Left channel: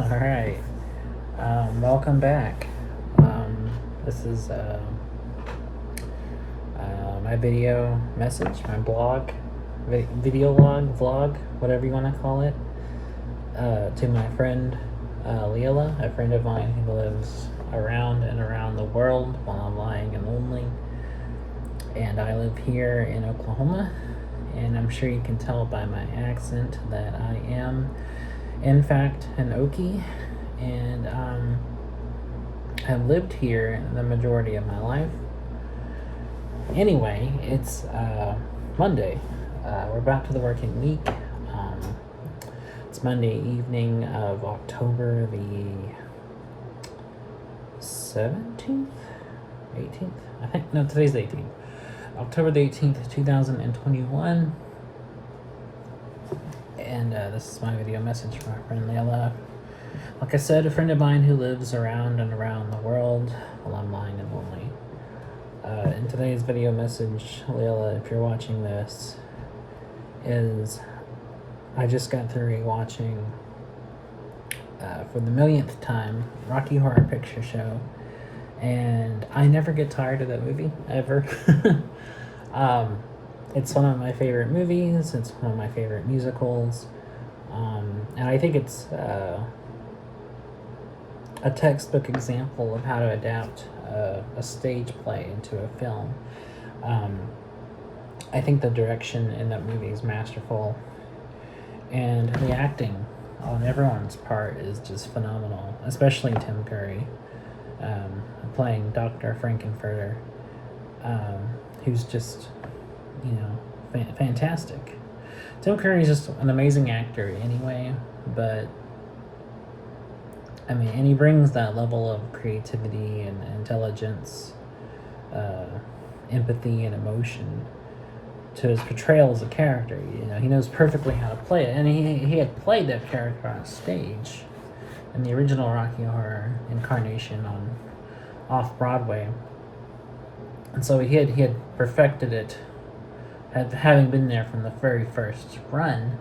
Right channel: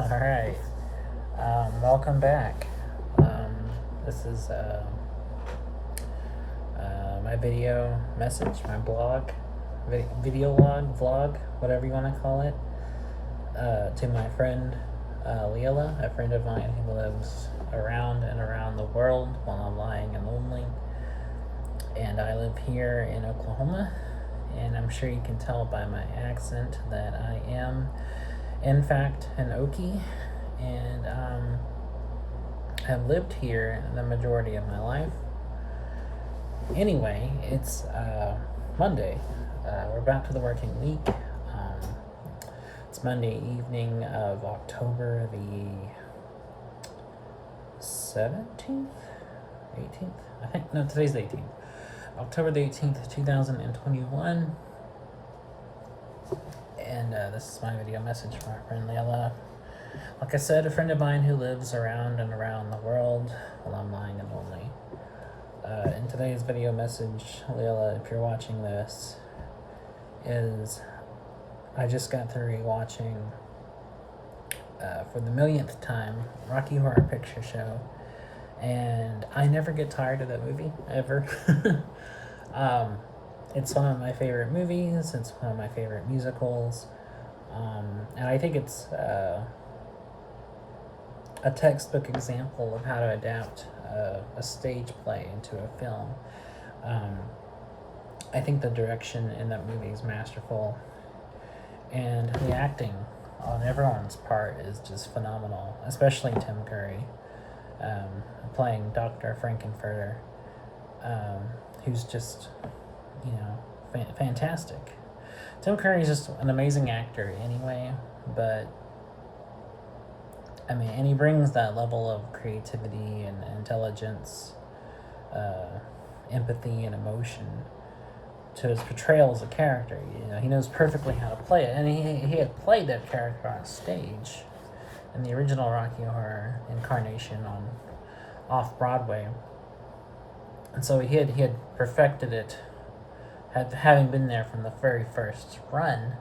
All right. Welcome back. This is my video message, my blog, video log, vlog, whatever you want to call it, to my friend Lilla, a friend of mine who lives around the world while I'm lying and lonely. And I live here in Oklahoma, and I'm sure you can tell by my accent that I am, in fact, an Okie, and have lived here the majority of my life. Anyway, it's Monday. We're back to the working week. It's Monday evening of October the 17th? 18th? I think, no, today's the 18th. October the 18th, 2021. And this is my video message from our friend Layla. Like I said, a friend of mine who lives around the world while I'm lying and lonely. In today's video message, Layla, if you're watching this, is I just got through rewatching for the millionth time Rocky Horror Picture Show, and I never get tired of that movie ever. It's one of my favorite movies. It's one of my favorite musicals, and I think it's a textbook example of how to adapt a stage play into a film. I think the direction in that movie is masterful, and the acting on everyone's part is just phenomenal, especially Tim Curry playing Dr. Frankenfurter, who's just, fantastic. Tim Curry is just an amazing actor anyway, but and he brings that level of creativity and intelligence, empathy and emotion to his portrayal as a character. He knows perfectly how to play it, and he had played that character on stage in the original Rocky Horror incarnation off Broadway, and so he had perfected it, having been there from the very first run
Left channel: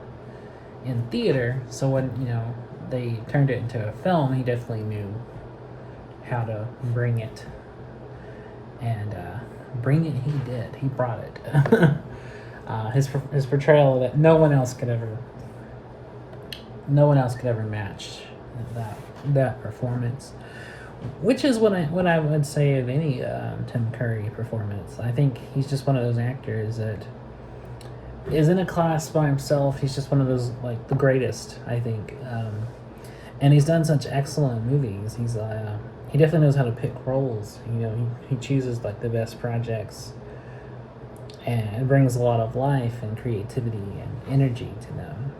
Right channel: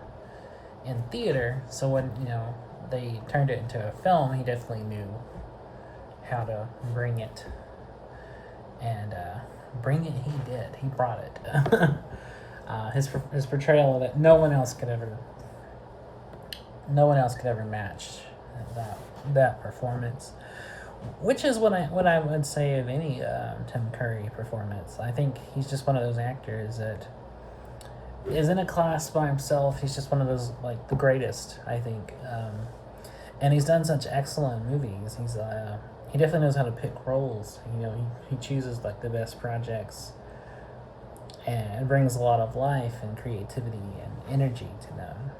in theater. So when they turned it into a film, he definitely knew how to bring it, and he did. He brought it. His portrayal that no one else could ever match that performance, which is what I would say of any Tim Curry performance. I think he's just one of those actors that is in a class by himself. He's just one of those, like, the greatest, I think. And he's done such excellent movies. He definitely knows how to pick roles. He chooses like the best projects and brings a lot of life and creativity and energy to them.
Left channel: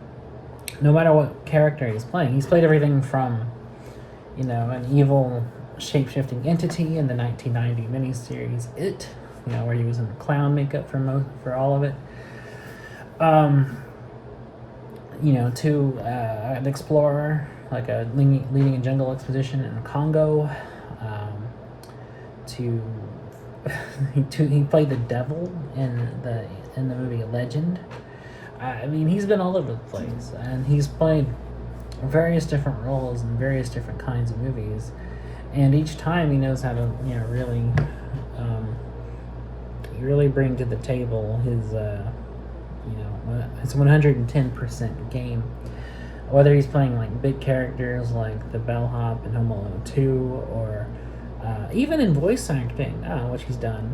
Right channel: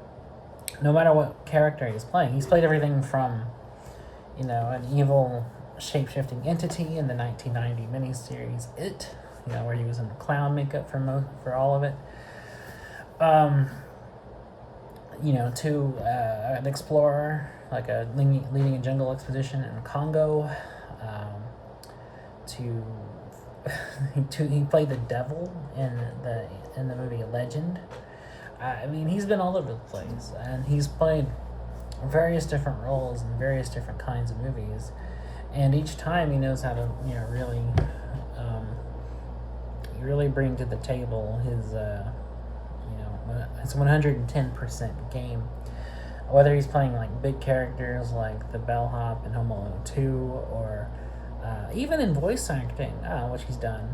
No matter what character he's playing, he's played everything from, an evil shape-shifting entity in the 1990 miniseries It, where he was in clown makeup for all of it. To an explorer, like leading a jungle expedition in Congo. He played the devil in the movie Legend. He's been all over the place, and he's played various different roles in various different kinds of movies, and each time he knows how to really bring to the table his 110% game. Whether he's playing like big characters like the bellhop in Home Alone 2, or even in voice acting, which he's done.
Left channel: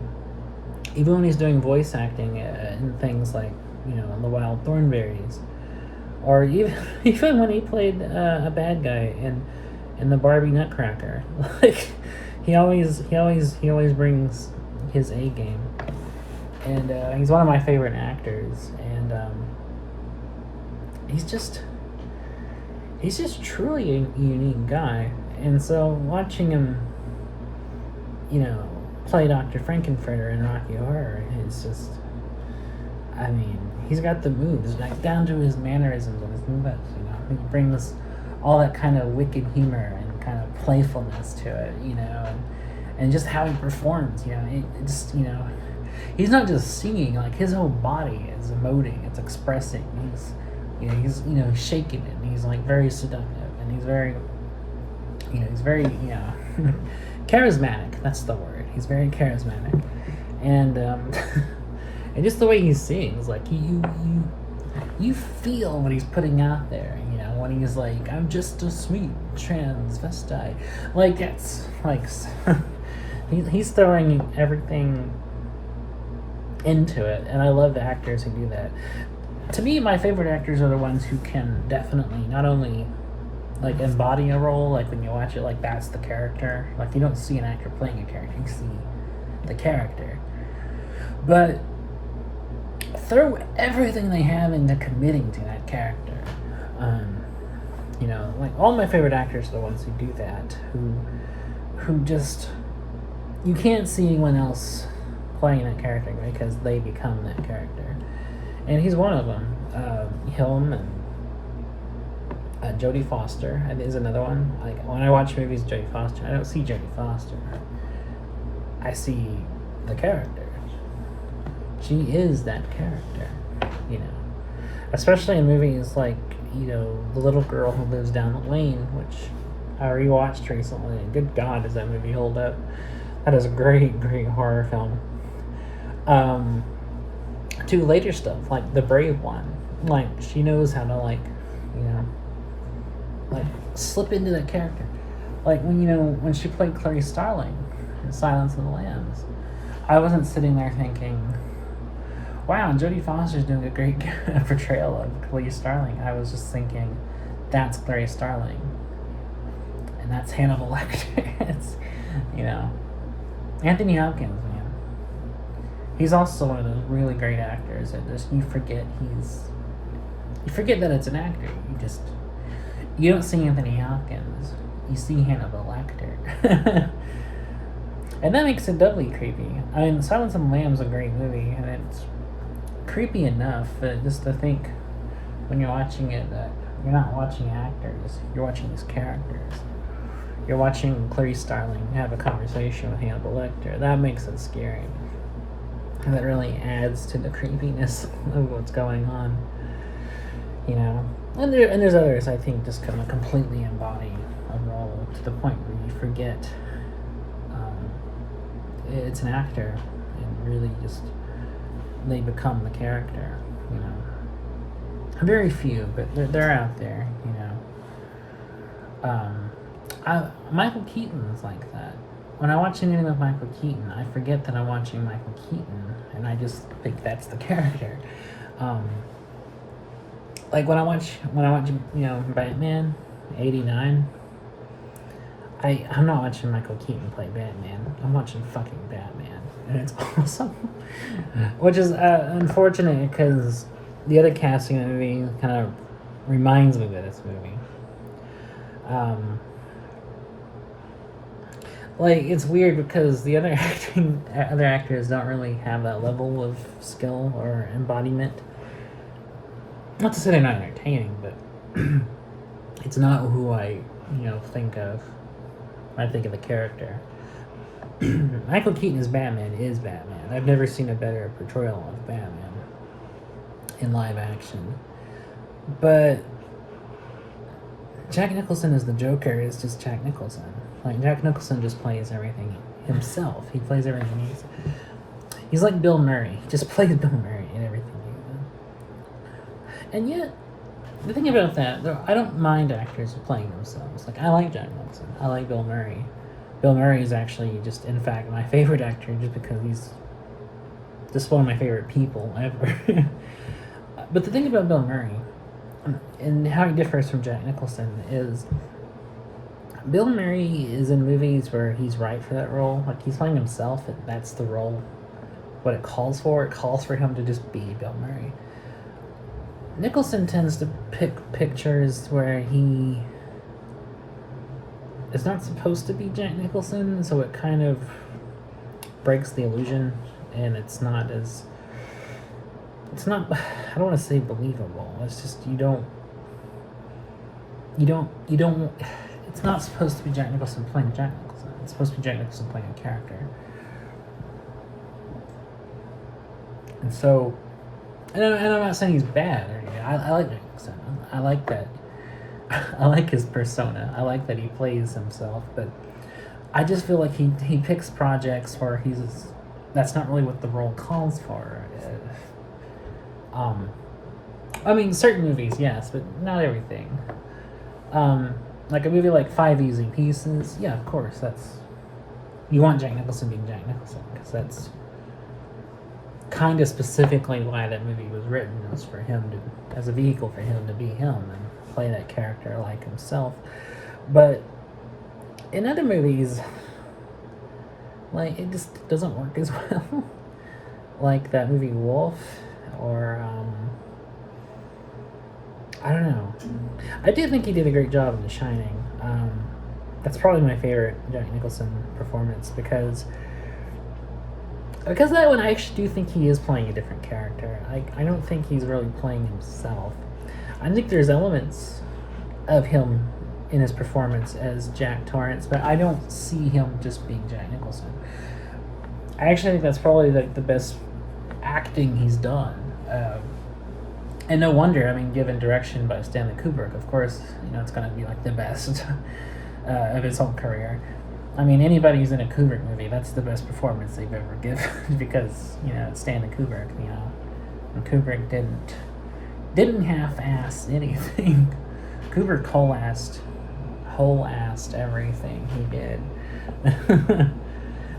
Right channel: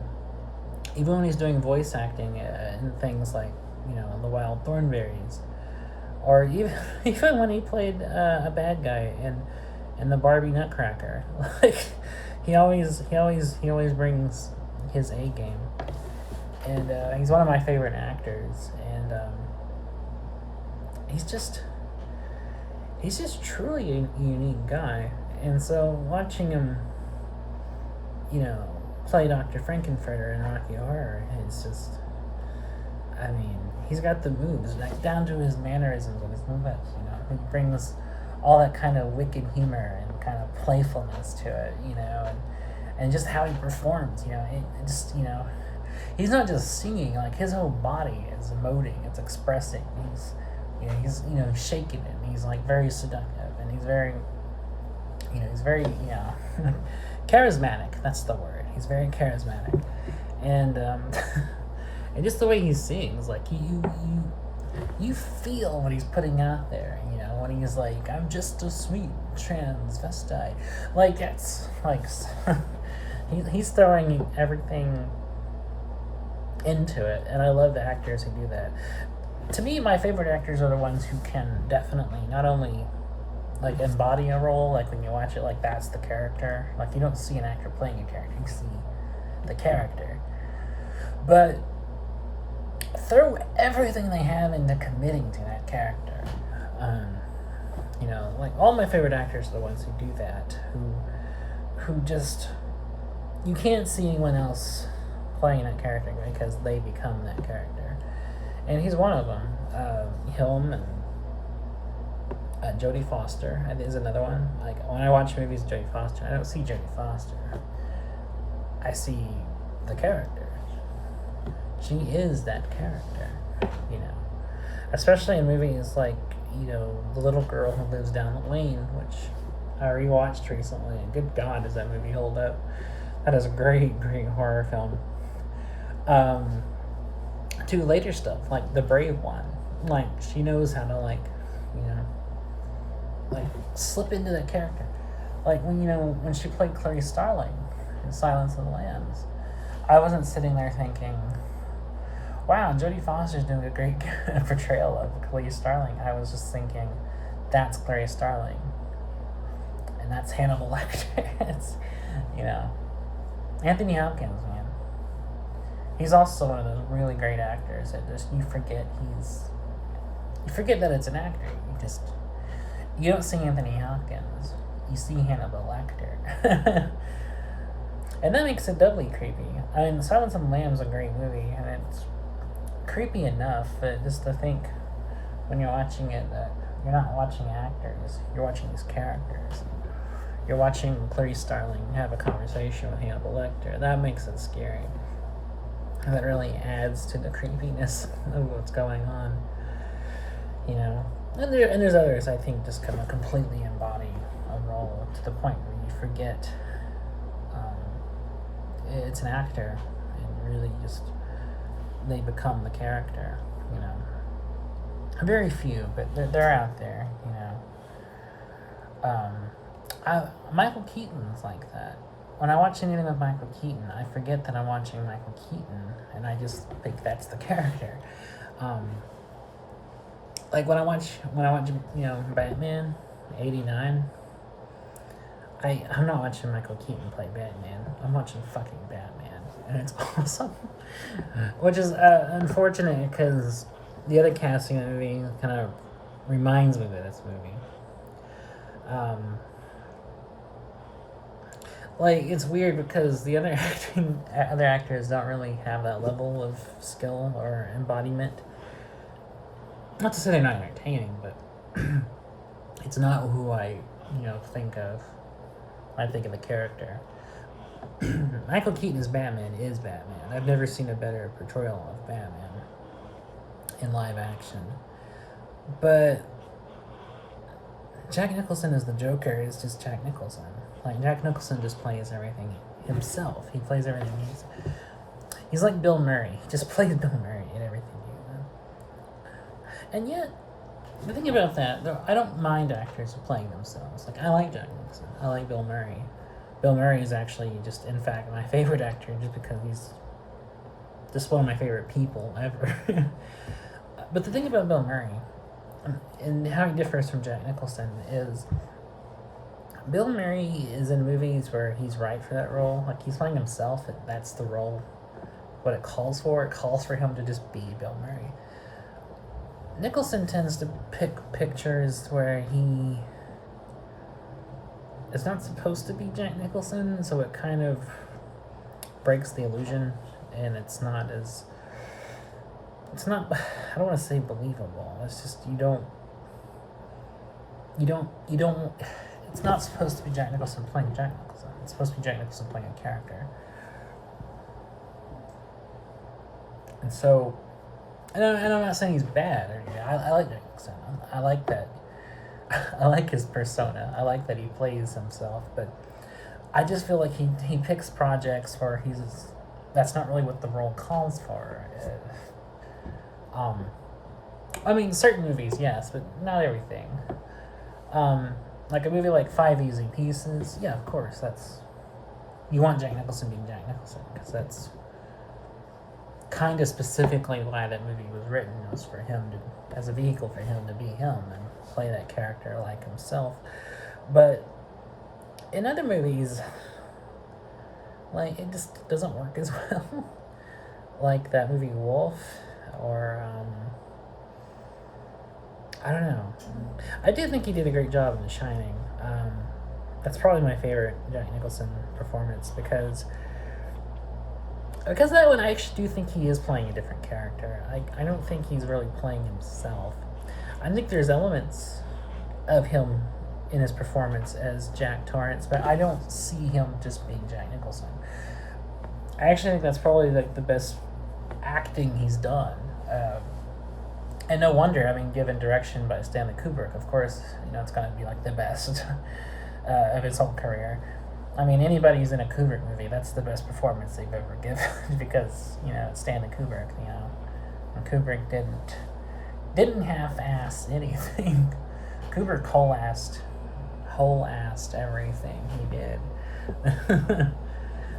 Even when he's doing voice acting in things like in The Wild Thornberrys, or even when he played a bad guy in the Barbie Nutcracker. Like he always brings his A game, and he's one of my favorite actors, and he's just truly a unique guy. And so watching him, play Dr. Frankenfurter in Rocky Horror, is just, he's got the moves, like down to his mannerisms and his movements. He brings all that kind of wicked humor and kind of playfulness to it, and just how he performs, he's not just singing, like his whole body is emoting, it's expressing. He's shaking it, and he's like very seductive, and he's very He's very, charismatic. That's the word. He's very charismatic, and and just the way he sings, like you feel what he's putting out there. When he's like, "I'm just a sweet transvestite," like that's like he's throwing everything into it, and I love the actors who do that. To me, my favorite actors are the ones who can definitely not only like embody a role, like when you watch it, like that's the character. Like you don't see an actor playing a character, you see the character. But throw everything they have into committing to that character. Like all my favorite actors are the ones who do that, who just you can't see anyone else playing that character because they become that character, and he's one of them. Him and Jodie Foster is another one. Like when I watch movies, Jodie Foster, I don't see Jodie Foster. I see the character. She is that character, Especially in movies like The Little Girl Who Lives Down the Lane, which I rewatched recently. And good God, does that movie hold up? That is a great, great horror film. To later stuff like The Brave One, like she knows how to like slip into that character. Like when she played Clarice Starling in Silence of the Lambs, I wasn't sitting there thinking, wow, Jodie Foster's doing a great portrayal of Clarice Starling. I was just thinking, that's Clarice Starling, and that's Hannibal Lecter. It's, Anthony Hopkins, man. He's also one of those really great actors that just you forget that it's an actor. You don't see Anthony Hopkins. You see Hannibal Lecter. And that makes it doubly creepy. I mean, Silence of the Lambs is a great movie, and it's creepy enough, but just to think when you're watching it that you're not watching actors, you're watching these characters. You're watching Clarice Starling have a conversation with Hannibal Lecter. That makes it scary. And that really adds to the creepiness of what's going on. And there's others I think just kind of completely embody a role to the point where you forget it's an actor and really just they become the character. Very few, but they're out there. Michael Keaton's like that. When I watch anything with Michael Keaton, I forget that I'm watching Michael Keaton, and I just think that's the character. Like when I watch Batman '89, I'm not watching Michael Keaton play Batman. I'm watching fucking Batman, and it's awesome. Which is unfortunate because the other casting in the movie kind of reminds me of this movie. Like it's weird because the other actors don't really have that level of skill or embodiment. Not to say they're not entertaining, but it's not who I think of when I think of the character. Michael Keaton as Batman is Batman. I've never seen a better portrayal of Batman in live action. But Jack Nicholson as the Joker is just Jack Nicholson. Like Jack Nicholson just plays everything himself. He plays everything he's like Bill Murray. He just plays Bill Murray in everything he does. And yet, the thing about that, I don't mind actors playing themselves. Like I like Jack Nicholson. I like Bill Murray. Bill Murray is actually just, in fact, my favorite actor just because he's just one of my favorite people ever. But the thing about Bill Murray and how he differs from Jack Nicholson is Bill Murray is in movies where he's right for that role. Like he's playing himself, and that's the role. What it calls for him to just be Bill Murray. Nicholson tends to pick pictures where he is not supposed to be Jack Nicholson, so it kind of breaks the illusion, and it's not, I don't want to say believable. It's just you don't, it's not supposed to be Jack Nicholson playing Jack Nicholson. It's supposed to be Jack Nicholson playing a character. And so, and I'm not saying he's bad or anything. I like Jack Nicholson. I like that. I like his persona. I like that he plays himself, but I just feel like he picks projects where that's not really what the role calls for. Um, I mean, certain movies, yes, but not everything. Um, like a movie like Five Easy Pieces, yeah, of course, that's you want Jack Nicholson being Jack Nicholson because that's kind of specifically why that movie was written. It was for him to, as a vehicle for him to be him and play that character like himself. But in other movies, like it just doesn't work as well. Like that movie Wolf, or I don't know. I do think he did a great job in The Shining. That's probably my favorite Jack Nicholson performance because that one I actually do think he is playing a different character. I don't think he's really playing himself. I think there's elements of him in his performance as Jack Torrance, but I don't see him just being Jack Nicholson. I actually think that's probably like the best acting he's done. And no wonder, I mean, given direction by Stanley Kubrick, of course, it's going to be like the best of his whole career. I mean, anybody who's in a Kubrick movie, that's the best performance they've ever given because, it's Stanley Kubrick, And Kubrick didn't half-ass anything. Kubrick whole-assed everything he did.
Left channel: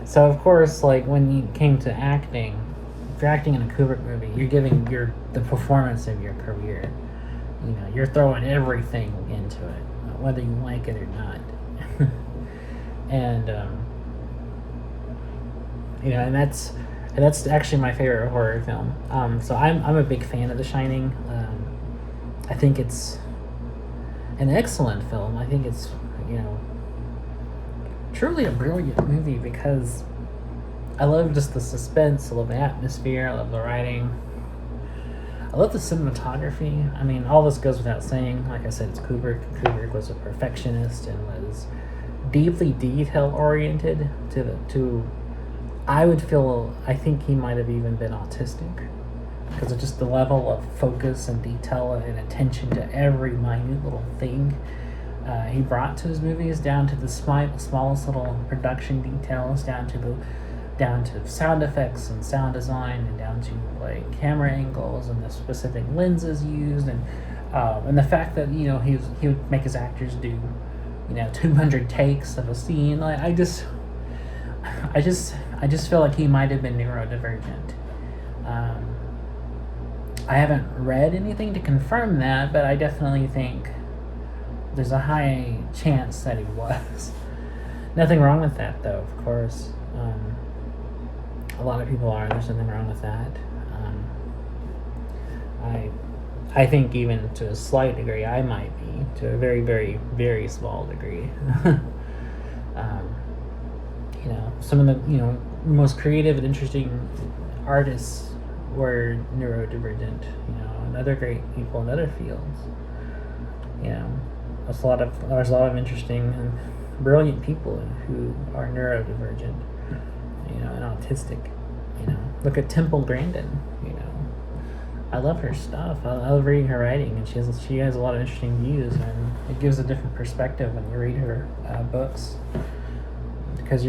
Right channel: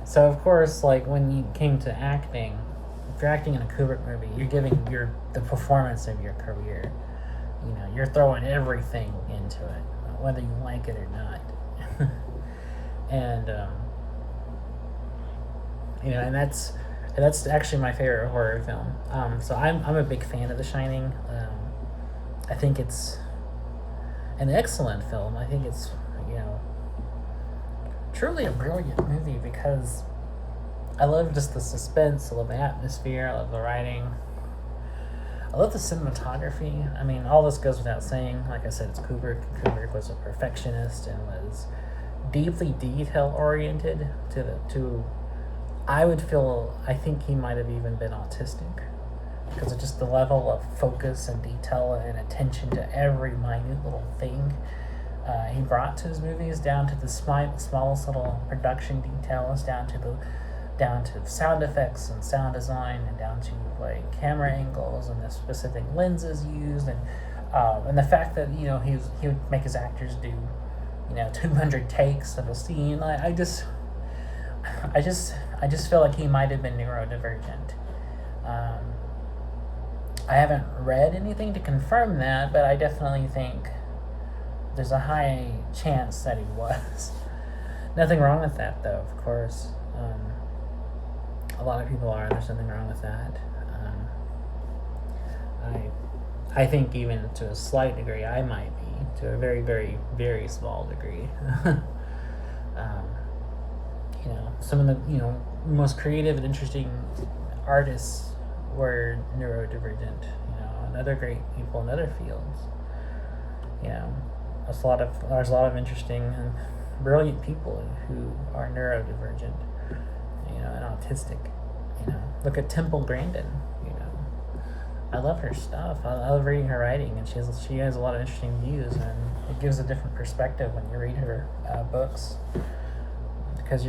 So, of course, like, when you came to acting, if you're acting in a Kubrick movie, you're giving the performance of your career. You're throwing everything into it, whether you like it or not. and and that's actually my favorite horror film. So I'm a big fan of The Shining. I think it's an excellent film. I think it's truly a brilliant movie because I love just the suspense, I love the atmosphere, I love the writing, I love the cinematography. I mean, all this goes without saying. Like I said, it's Kubrick. Kubrick was a perfectionist and was deeply detail-oriented I think he might have even been autistic because of just the level of focus and detail and attention to every minute little thing he brought to his movies, down to the smallest little production details, down to sound effects and sound design, and down to like camera angles and the specific lenses used, and the fact that he would make his actors do 200 takes of a scene. Like I just feel like he might have been neurodivergent. I haven't read anything to confirm that, but I definitely think there's a high chance that he was. Nothing wrong with that, though, of course. A lot of people are. There's nothing wrong with that. I think even to a slight degree, I might be, to a very, very, very small degree. Some of the most creative and interesting artists were neurodivergent. And other great people in other fields. There's a lot of interesting and brilliant people who are neurodivergent. And autistic. Look at Temple Grandin. I love her stuff. I love reading her writing, and she has a lot of interesting views, and it gives a different perspective when you read her books because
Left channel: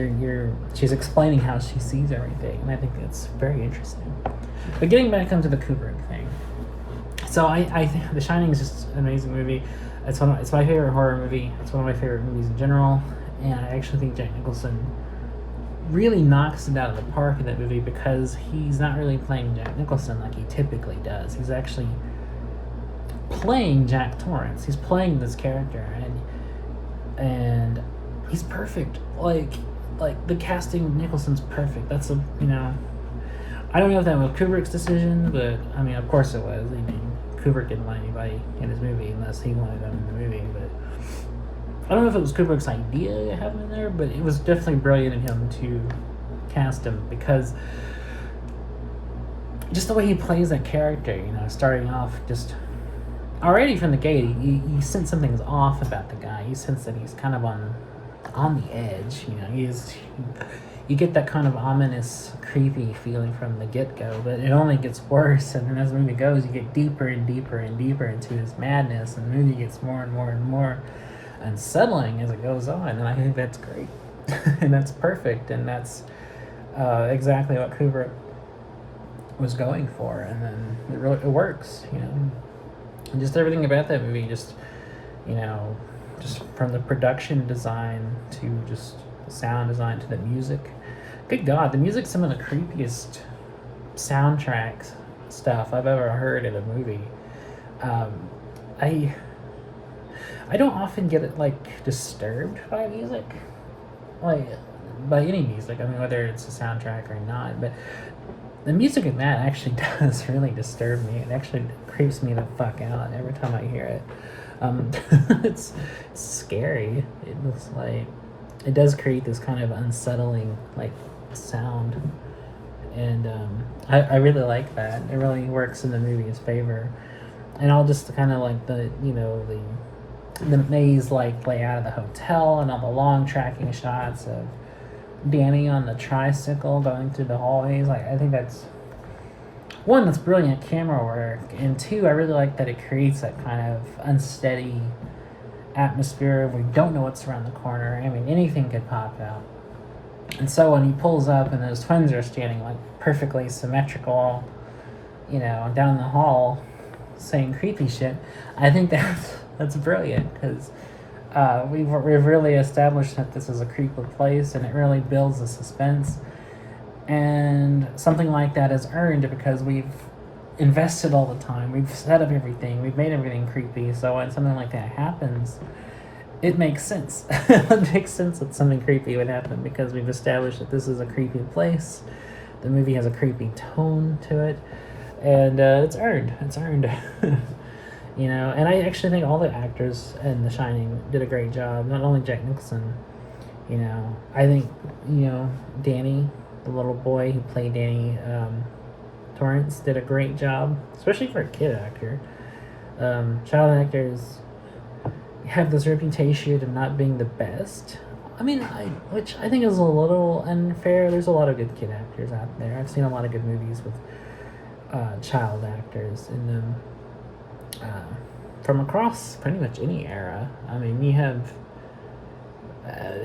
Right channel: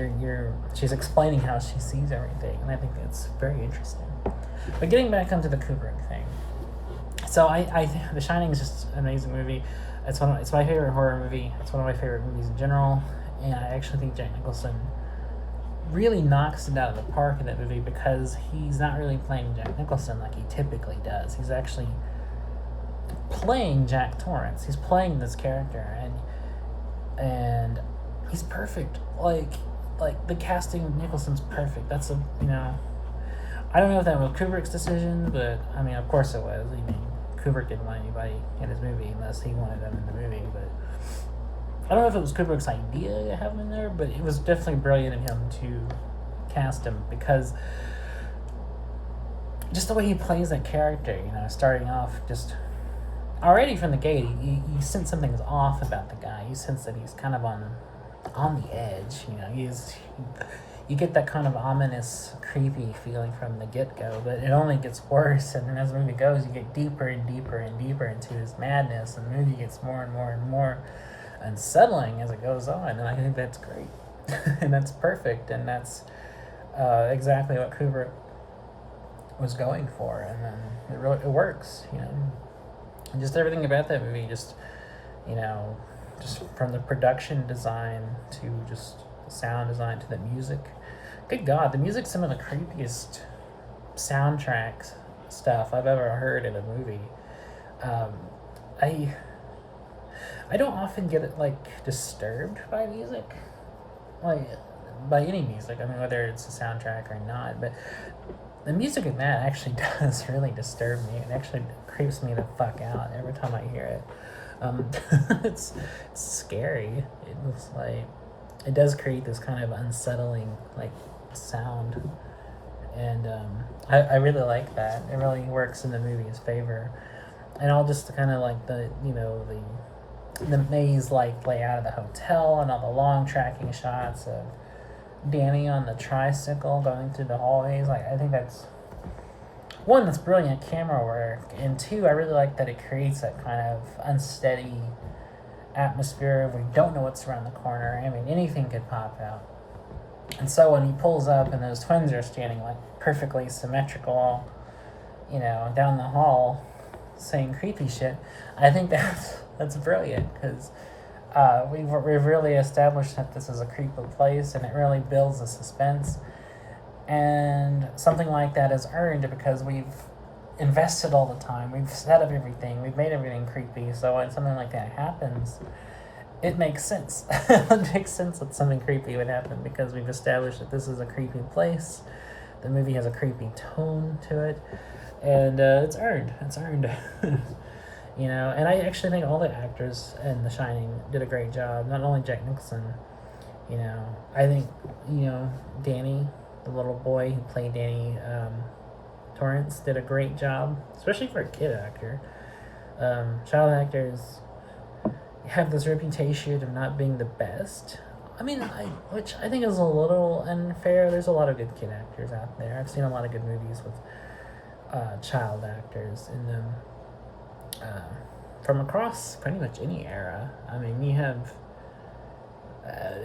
she's explaining how she sees everything, and I think it's very interesting. But getting back onto the Kubrick thing, so I think The Shining is just an amazing movie. It's my favorite horror movie. It's one of my favorite movies in general, and I actually think Jack Nicholson really knocks it out of the park in that movie because he's not really playing Jack Nicholson like he typically does. He's actually playing Jack Torrance. He's playing this character, and he's perfect. Like the casting of Nicholson's perfect. That's I don't know if that was Kubrick's decision, but I mean, of course it was. I mean, Kubrick didn't want anybody in his movie unless he wanted them in the movie, but I don't know if it was Kubrick's idea to have him in there, but it was definitely brilliant of him to cast him because just the way he plays that character, starting off just already from the gate, you sense something's off about the guy. You sense that he's kind of on the edge. you get that kind of ominous, creepy feeling from the get-go, but it only gets worse, and then as the movie goes, you get deeper and deeper and deeper into his madness, and the movie gets more and more and more unsettling as it goes on, and I think that's great. And that's perfect, and that's exactly what Kubrick was going for, and then it works, and just everything about that movie, just just from the production design to just the sound design to the music. Good God, the music's some of the creepiest soundtracks stuff I've ever heard in a movie. Um, I I don't often get like disturbed by music, like by any music. I mean, whether it's a soundtrack or not, but the music in that actually does really disturb me. It actually creeps me the fuck out every time I hear it. Um, it's scary. It looks like it does create this kind of unsettling like sound, and I really like that. It really works in the movie's favor, and all just kind of like the maze like layout of the hotel and all the long tracking shots of Danny on the tricycle going through the hallways. Like, I think that's one, that's brilliant camera work, and two, I really like that it creates that kind of unsteady atmosphere. We don't know what's around the corner. I mean, anything could pop out. And so when he pulls up and those twins are standing like perfectly symmetrical, down the hall saying creepy shit, I think that's brilliant, because we've really established that this is a creepy place, and it really builds the suspense. And something like that is earned because we've invested all the time. We've set up everything. We've made everything creepy. So when something like that happens, it makes sense. It makes sense that something creepy would happen because we've established that this is a creepy place. The movie has a creepy tone to it, and it's earned. It's earned. And I actually think all the actors in The Shining did a great job. Not only Jack Nicholson. I think Danny, the little boy who played Danny Torrance, did a great job, especially for a kid actor. Child actors have this reputation of not being the best. I mean, which I think is a little unfair. There's a lot of good kid actors out there. I've seen a lot of good movies with child actors in them, from across pretty much any era. I mean, you have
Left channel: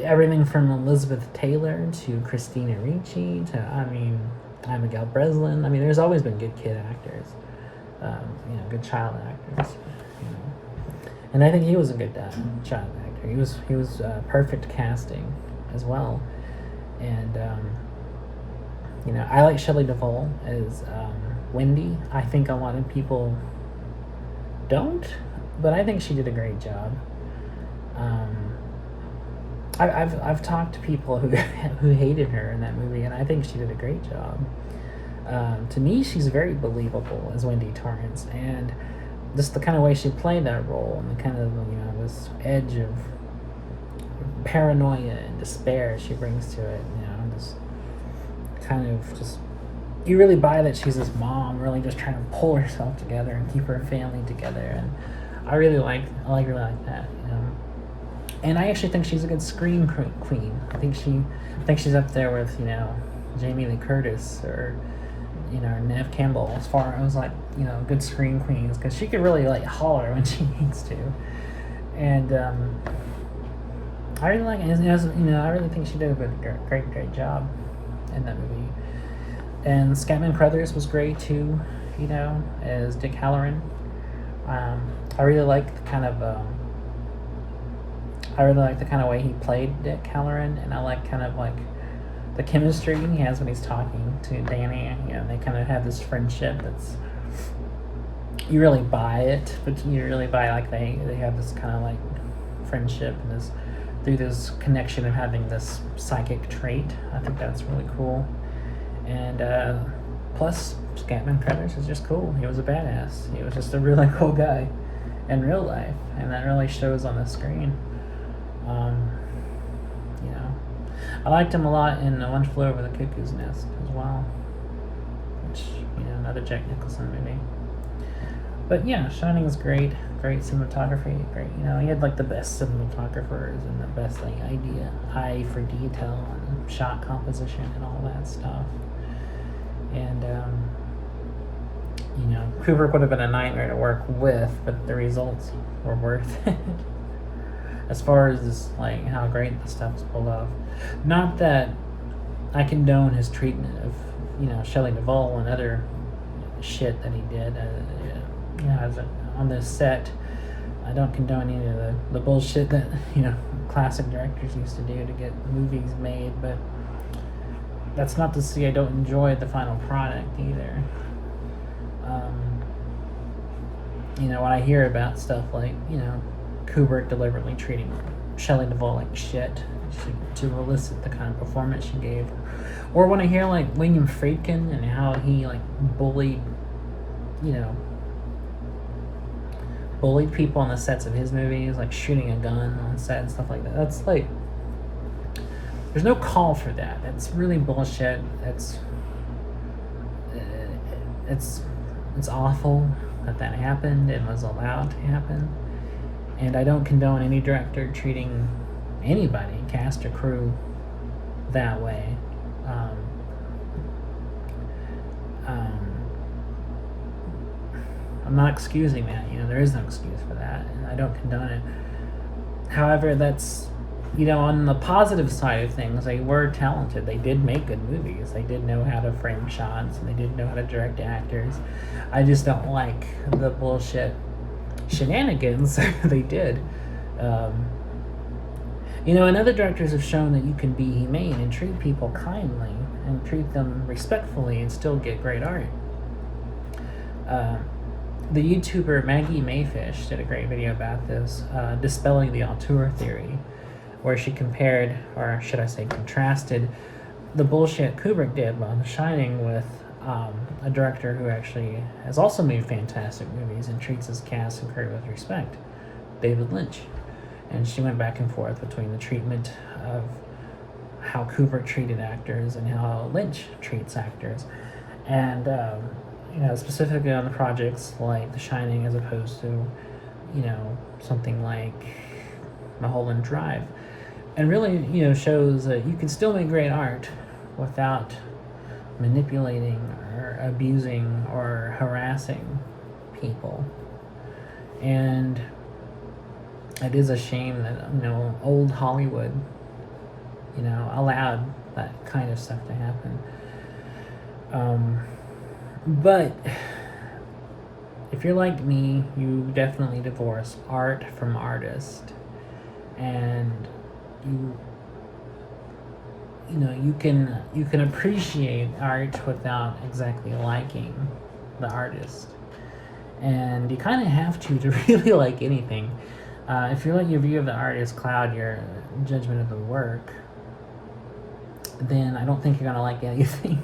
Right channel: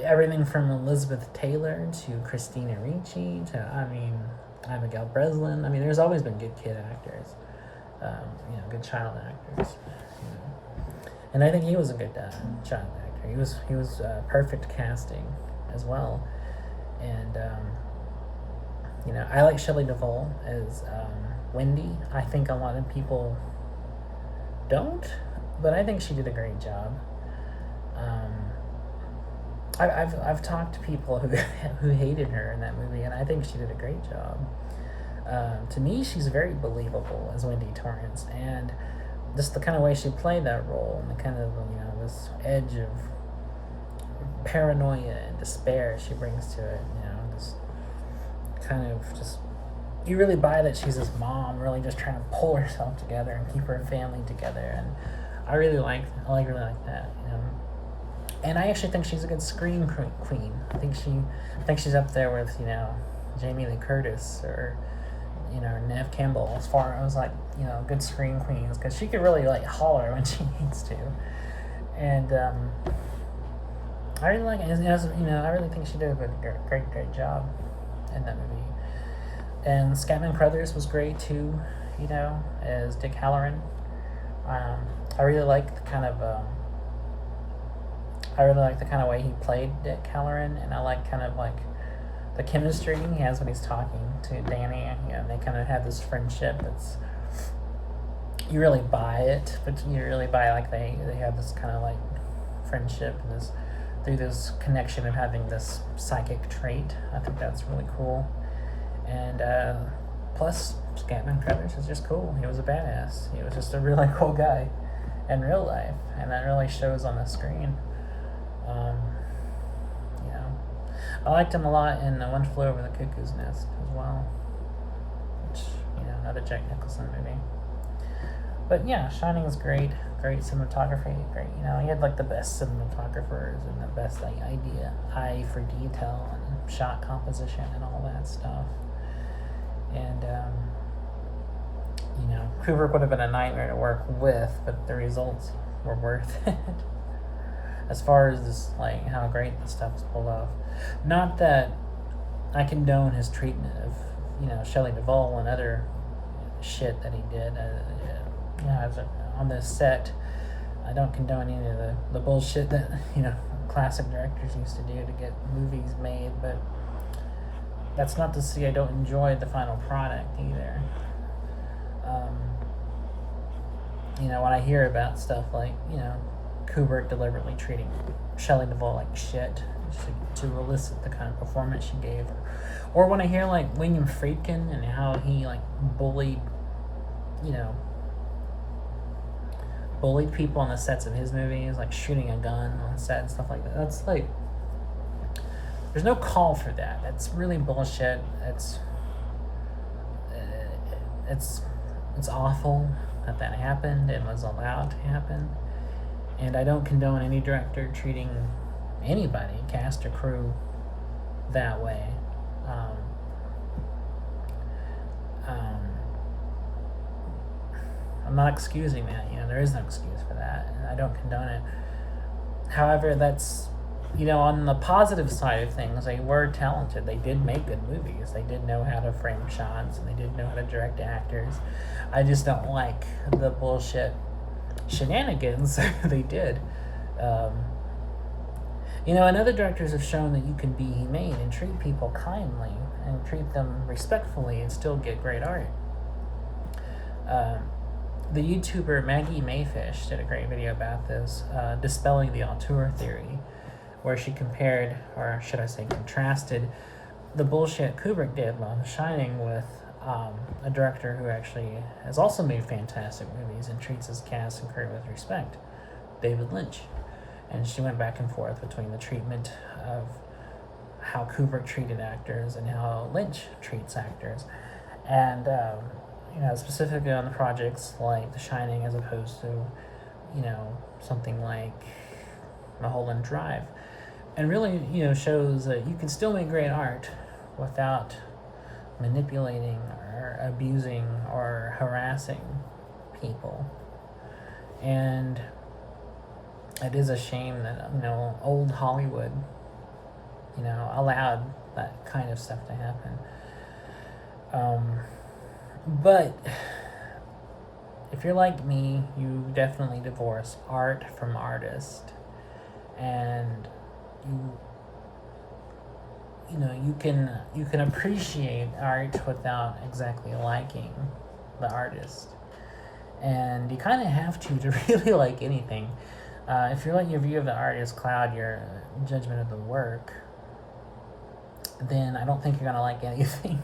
everything from Elizabeth Taylor to Christina Ricci to, Abigail Breslin. I mean, there's always been good kid actors, good child actors. And I think he was a good child actor. He was perfect casting as well. And I like Shelley Duvall as Wendy. I think a lot of people don't, but I think she did a great job. I've talked to people who hated her in that movie, and I think she did a great job. To me, she's very believable as Wendy Torrance, and just the kind of way she played that role, and the kind of this edge of paranoia and despair she brings to it. This kind of just, you really buy that she's this mom really just trying to pull herself together and keep her family together, and I really like that. And I actually think she's a good scream queen. I think she's up there with Jamie Lee Curtis or Neve Campbell as far as good scream queens, because she can really holler when she needs to. And I really like it. I really think she did a great job in that movie. And Scatman Crothers was great too, as Dick Halloran. I really like the kind of way he played Dick Halloran, and I like the chemistry he has when he's talking to Danny. They kind of have this friendship that's, you really buy it, but you really buy they have this kind of friendship and this through this connection of having this psychic trait. I think that's really cool. And plus, Scatman Crothers is just cool. He was a badass. He was just a really cool guy in real life, and that really shows on the screen. I liked him a lot in One Flew Over the Cuckoo's Nest as well, which, another Jack Nicholson movie. But yeah, Shining was great cinematography, great. He had the best cinematographers and the best eye for detail, and shot composition and all that stuff. And Kubrick would have been a nightmare to work with, but the results were worth it. As far as like how great the stuff was pulled off. Not that I condone his treatment of Shelley Duvall and other shit that he did. On this set, I don't condone any of the bullshit that classic directors used to do to get movies made, but that's not to say I don't enjoy the final product either. When I hear about stuff like Kubrick deliberately treating Shelley Duvall like shit to elicit the kind of performance she gave, or when I hear like William Friedkin and how he like bullied people on the sets of his movies, like shooting a gun on set and stuff like that. That's like, there's no call for that. That's really bullshit. It's awful that happened and was allowed to happen. And I don't condone any director treating anybody, cast or crew, that way. I'm not excusing that. There is no excuse for that, and I don't condone it. However, that's, on the positive side of things, they were talented. They did make good movies. They did know how to frame shots, and they did know how to direct actors. I just don't like the bullshit shenanigans they did. And other directors have shown that you can be humane and treat people kindly and treat them respectfully and still get great art. The YouTuber Maggie Mayfish did a great video about this, dispelling the auteur theory, where she compared, or should I say contrasted, the bullshit Kubrick did on The Shining with a director who actually has also made fantastic movies and treats his cast and crew with respect, David Lynch. And she went back and forth between the treatment of how Kubrick treated actors and how Lynch treats actors. And, specifically on the projects like The Shining as opposed to, something like Mulholland Drive. And really, shows that you can still make great art without manipulating or abusing or harassing people. And it is a shame that, old Hollywood, allowed that kind of stuff to happen. But if you're like me, you definitely divorce art from artist. And you can appreciate art without exactly liking the artist. And you kind of have to really like anything. If you let your view of the artist cloud your judgment of the work, then I don't think you're going to like anything.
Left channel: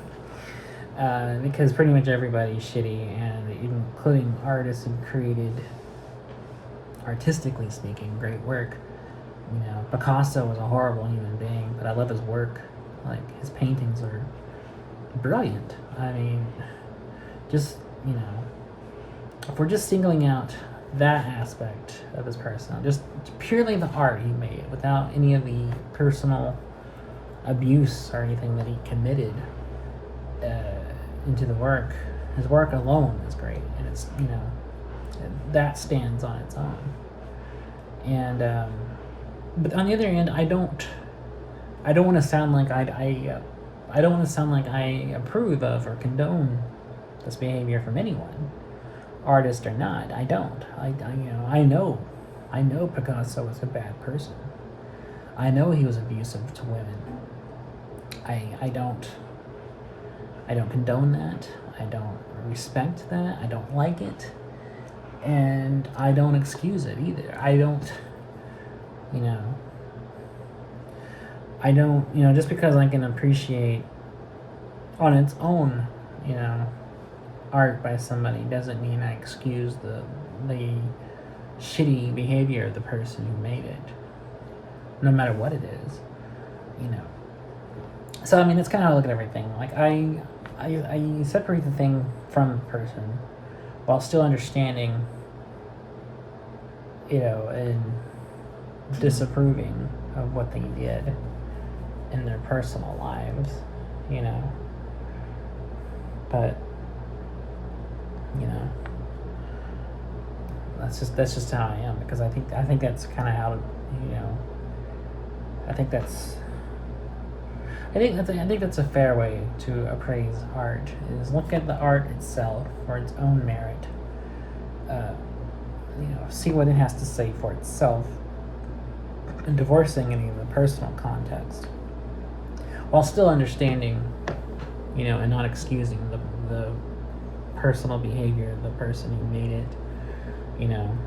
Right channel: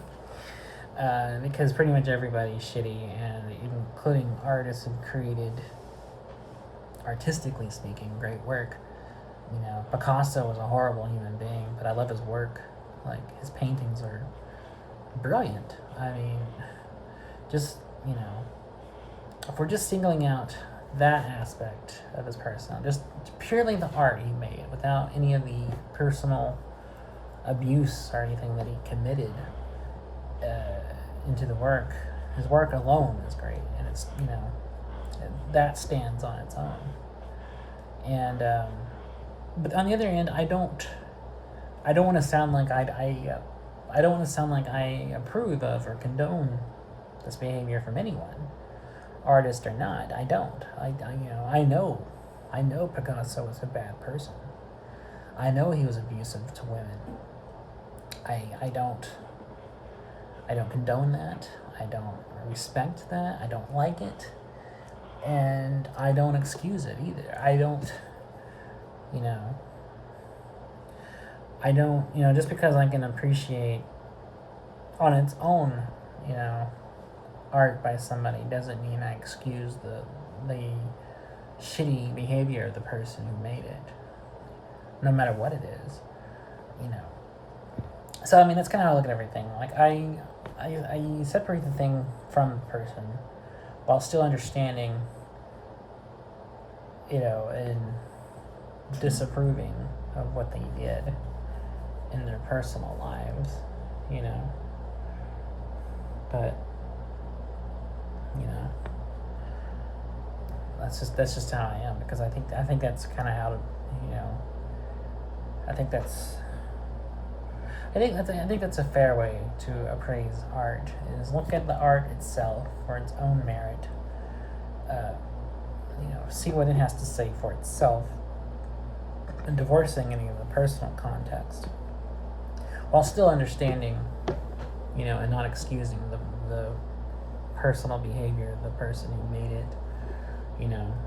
Because pretty much everybody's shitty, and including artists who created, artistically speaking, great work. Picasso was a horrible human being, but I love his work. Like, his paintings are brilliant. I mean, just, if we're just singling out that aspect of his person, just purely the art he made, without any of the personal abuse or anything that he committed into the work, his work alone is great, and it's, that stands on its own. And, but on the other hand, I don't want to sound like I don't want to sound like I approve of or condone this behavior from anyone, artist or not. I don't. I know Picasso was a bad person. I know he was abusive to women. I don't condone that. I don't respect that. I don't like it. And I don't excuse it either. I don't, just because I can appreciate on its own, art by somebody doesn't mean I excuse the shitty behavior of the person who made it, no matter what it is, So, that's kind of how I look at everything. Like, I separate the thing from the person while still understanding, and disapproving of what they did. in their personal lives, you know. But you know, that's just how I am, because I think that's kind of how, you know, I think that's I think that's a fair way to appraise art, is look at the art itself for its own merit. Uh, you know, see what it has to say for itself, and divorcing any of the personal context, while still understanding, you know, and not excusing the personal behavior of the person who made it, you know.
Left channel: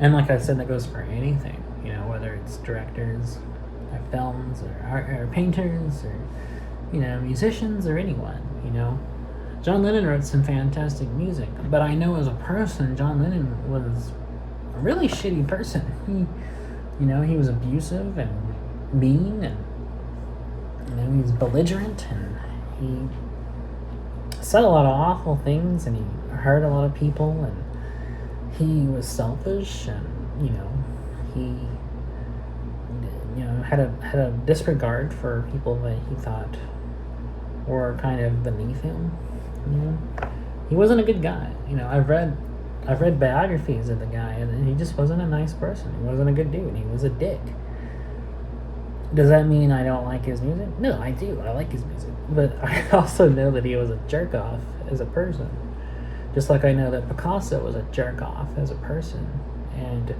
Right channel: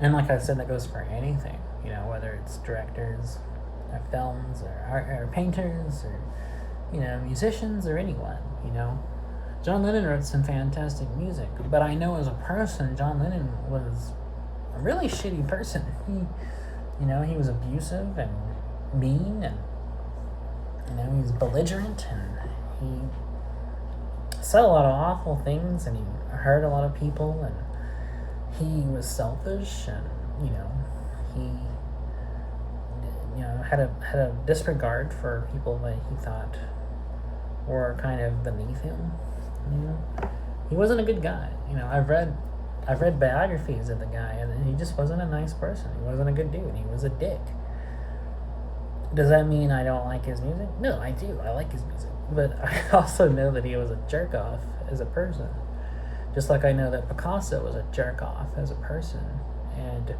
And like I said, that goes for anything, you know, whether it's directors or films or painters or, you know, musicians or anyone, you know. John Lennon wrote some fantastic music, but I know as a person, John Lennon was a really shitty person. You know, he was abusive and mean, and, you know, he was belligerent, and he said a lot of awful things, and he hurt a lot of people, and he was selfish, and, you know, he, you know, had a disregard for people that he thought were kind of beneath him. You know, he wasn't a good guy. You know, I've read biographies of the guy, and he just wasn't a nice person. He wasn't a good dude. He was a dick. Does that mean I don't like his music? No, I do. I like his music. But I also know that he was a jerk off as a person. Just like I know that Picasso was a jerk off as a person. And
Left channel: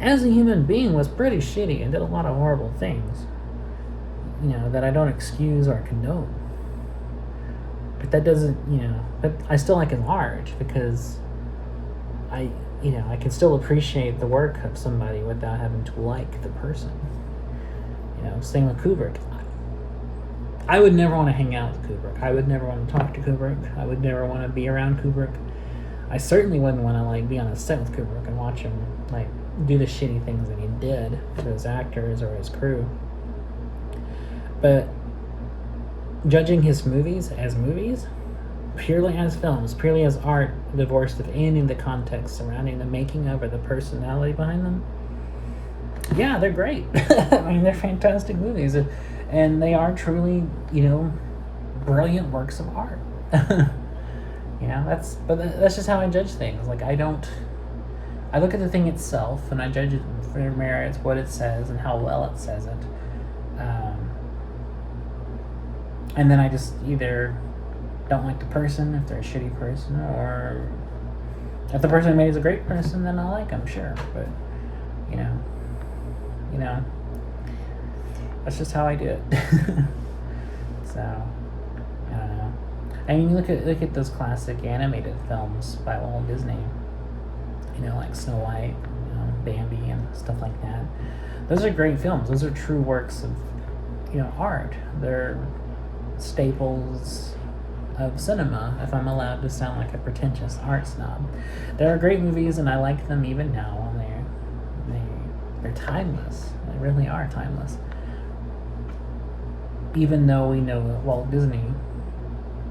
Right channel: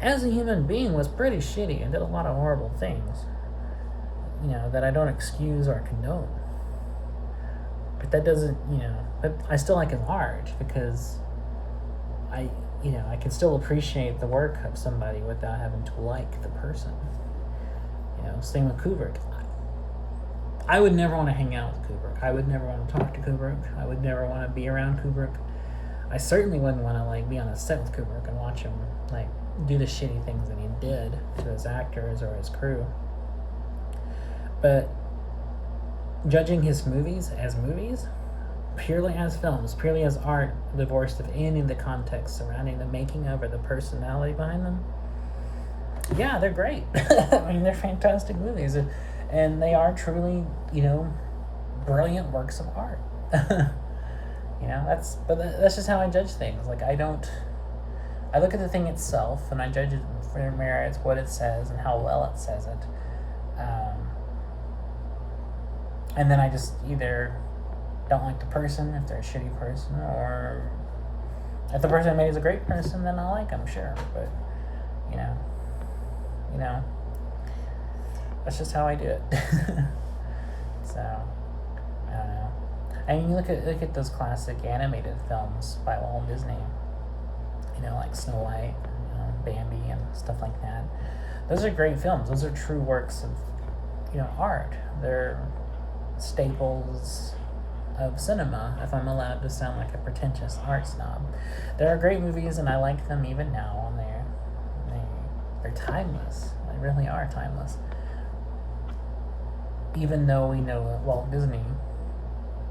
as a human being was pretty shitty and did a lot of horrible things, you know, that I don't excuse or condone. But that doesn't, you know, but I still like his art, because you know, I can still appreciate the work of somebody without having to like the person. You know, same with Kubrick. I would never want to hang out with Kubrick. I would never want to talk to Kubrick. I would never want to be around Kubrick. I certainly wouldn't want to, like, be on a set with Kubrick and watch him, like, do the shitty things that he did to his actors or his crew. But judging his movies, purely as films, purely as art, divorced of any of the context surrounding the making of or the personality behind them, yeah, they're great. I mean, they're fantastic movies, and they are truly, you know, brilliant works of art. You know, that's just how I judge things. Like, I look at the thing itself, and I judge it for its merits, what it says, and how well it says it. And then I just either don't like the person if they're a shitty person, or if the person I made is a great person, then I like them, sure. But, you know, that's just how I do it. So, I don't know. I mean, look at those classic animated films by Walt Disney. You know, like Snow White, you know, Bambi, and stuff like that. Those are great films. Those are true works of, you know, art. They're staples of cinema, if I'm allowed to sound like a pretentious art snob. They're great movies, and I like them even now. They're timeless. They really are timeless. Even though we know that Walt Disney,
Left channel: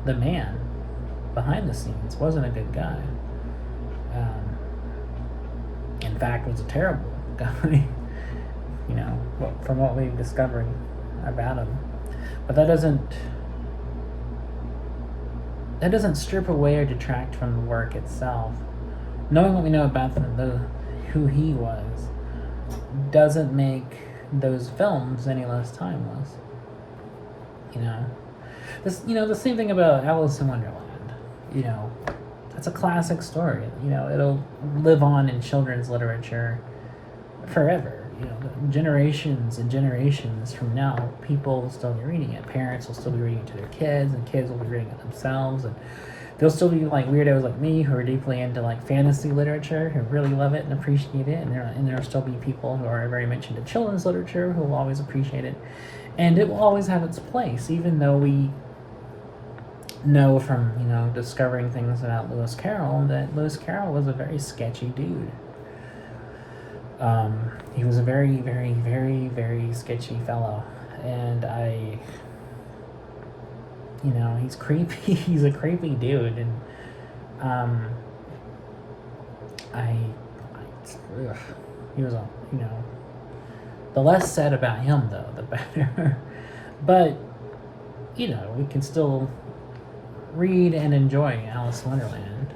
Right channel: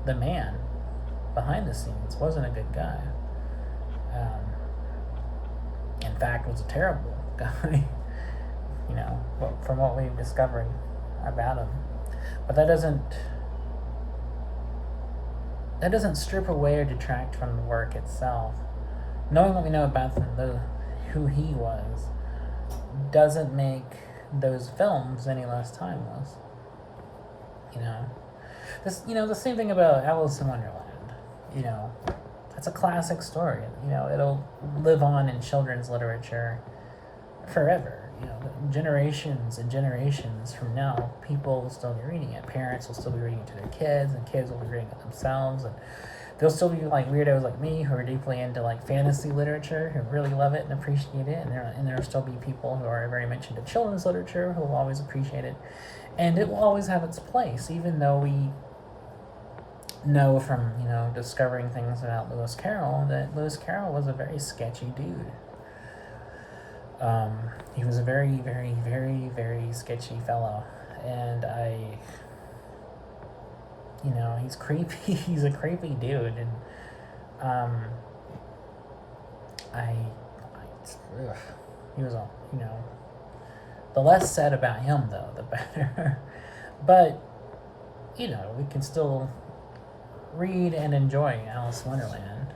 the man behind the scenes, wasn't a good guy. In fact, was a terrible guy. You know, from what we've discovered about him. But that doesn't strip away or detract from the work itself. Knowing what we know about who he was doesn't make those films any less timeless. You know, the same thing about Alice in Wonderland. You know, that's a classic story. You know, it'll live on in children's literature forever. You know, generations and generations from now, people will still be reading it. Parents will still be reading it to their kids, and kids will be reading it themselves. And there'll still be, like, weirdos like me who are deeply into, like, fantasy literature, who really love it and appreciate it. And there'll still be people who are very much into children's literature who will always appreciate it. And it will always have its place, even though we know from, you know, discovering things about Lewis Carroll that Lewis Carroll was a very sketchy dude. He was a very, very, very, very sketchy fellow, and he's creepy. He's a creepy dude, and he was a, The less said about him, though, the better. But, we can still read and enjoy Alice in Wonderland,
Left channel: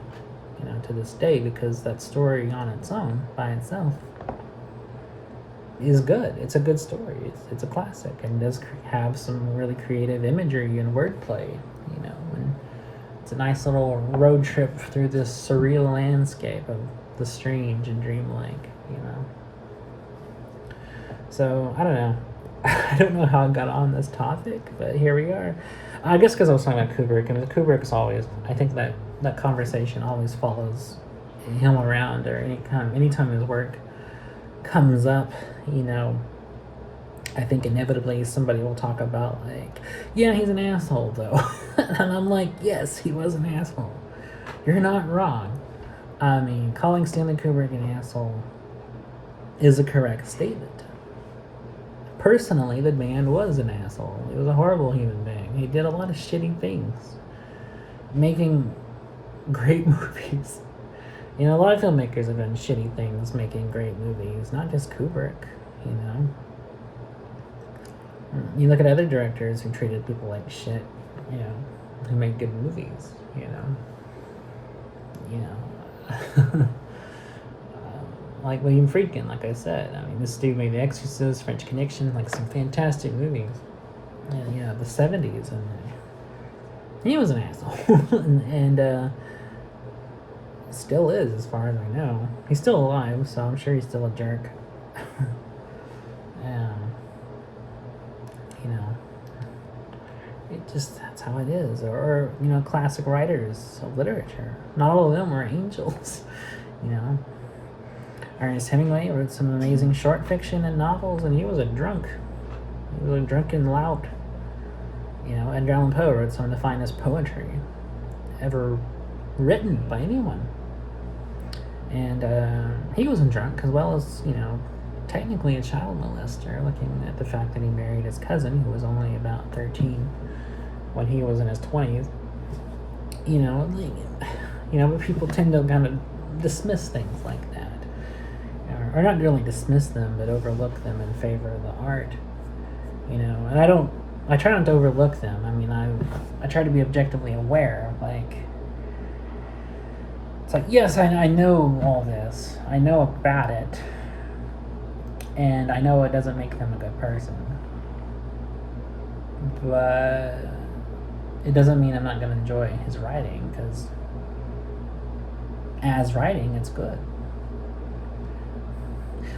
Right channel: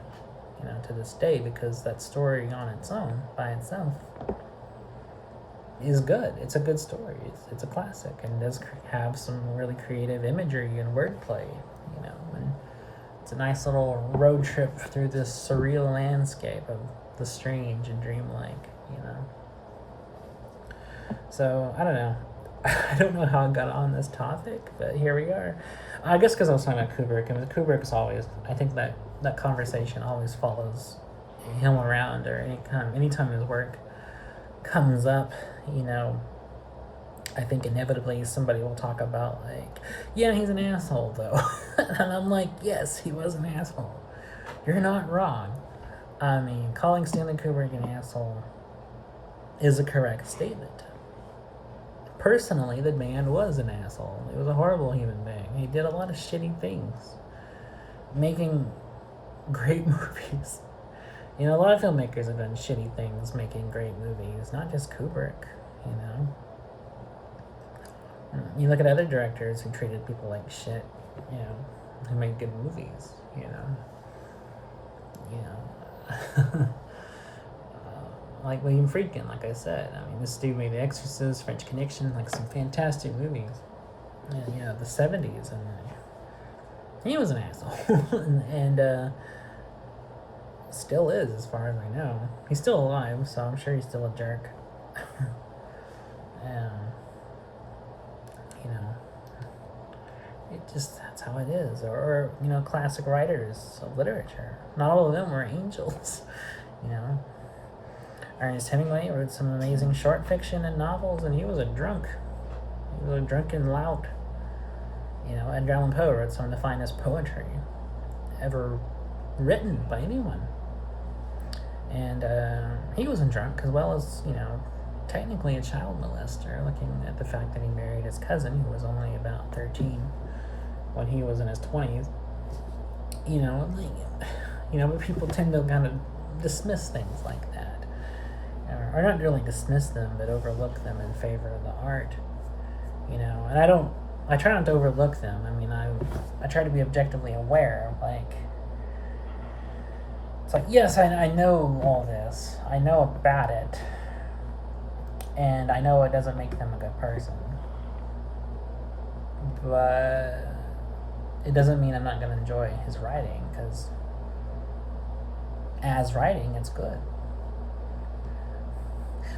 to this day, because that story on its own, by itself, is good. It's a good story. It's a classic, and does have some really creative imagery and wordplay, and it's a nice little road trip through this surreal landscape of the strange and dreamlike, So, I don't know. I don't know how I got on this topic, but here we are. I guess because I was talking about Kubrick, and Kubrick's always, I think that conversation always follows him around, or anytime his work comes up, I think inevitably somebody will talk about, like, yeah, he's an asshole, though. And I'm like, yes, he was an asshole. You're not wrong. I mean, calling Stanley Kubrick an asshole is a correct statement. Personally, the man was an asshole. He was a horrible human being. He did a lot of shitty things, making great movies. A lot of filmmakers have done shitty things making great movies, not just Kubrick, You look at other directors who treated people like shit, who made good movies, like William Friedkin, like I said. I mean, this dude made The Exorcist, French Connection, like some fantastic movies. And, the 70s, and he was an asshole. and still is, as far as I know. He's still alive, so I'm sure he's still a jerk. It just, that's how it is. Or classic writers of literature. Not all of them were angels, Ernest Hemingway wrote some amazing short fiction and novels, and he was a drunk. He was a drunken lout. Edgar Allan Poe wrote some of the finest poetry ever written by anyone. And he wasn't drunk, as well as, technically a child molester, looking at the fact that he married his cousin, who was only about 13 when he was in his 20s. But people tend to kind of dismiss things like that. Or not really dismiss them, but overlook them in favor of the art. And I try not to overlook them. I mean, I try to be objectively aware. It's like, yes, I know all this. I know about it. And I know it doesn't make them a good person. But it doesn't mean I'm not going to enjoy his writing, because as writing, it's good.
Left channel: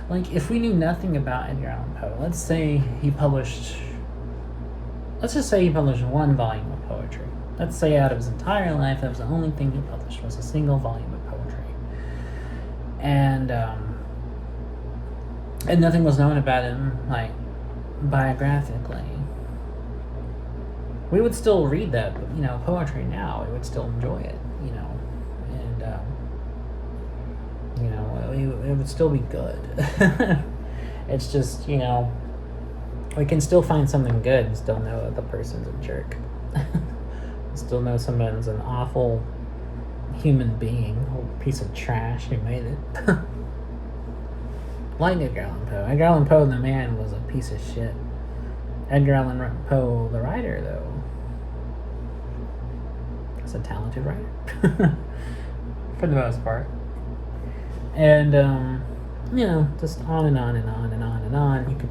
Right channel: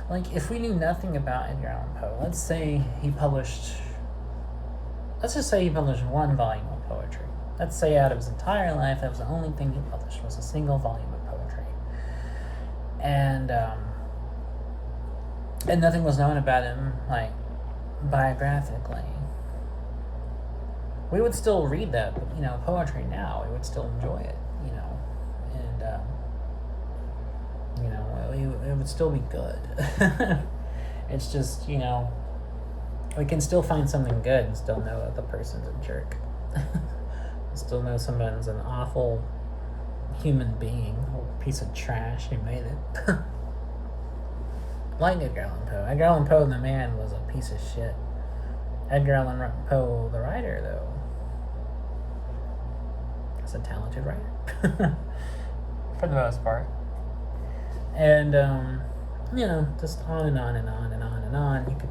Like, if we knew nothing about Edgar Allan Poe, let's just say he published one volume of poetry. Let's say out of his entire life, that was the only thing he published, was a single volume of poetry. And nothing was known about him, like, biographically. We would still read that, poetry now. We would still enjoy it, and, it would still be good. It's just, we can still find something good and still know that the person's a jerk. Still know someone's an awful human being, a piece of trash who made it. Like Edgar Allan Poe. Edgar Allan Poe, the man, was a piece of shit. Edgar Allan Poe, the writer, though, is a talented writer. For the most part. And, just on and on and on and on and on. You could,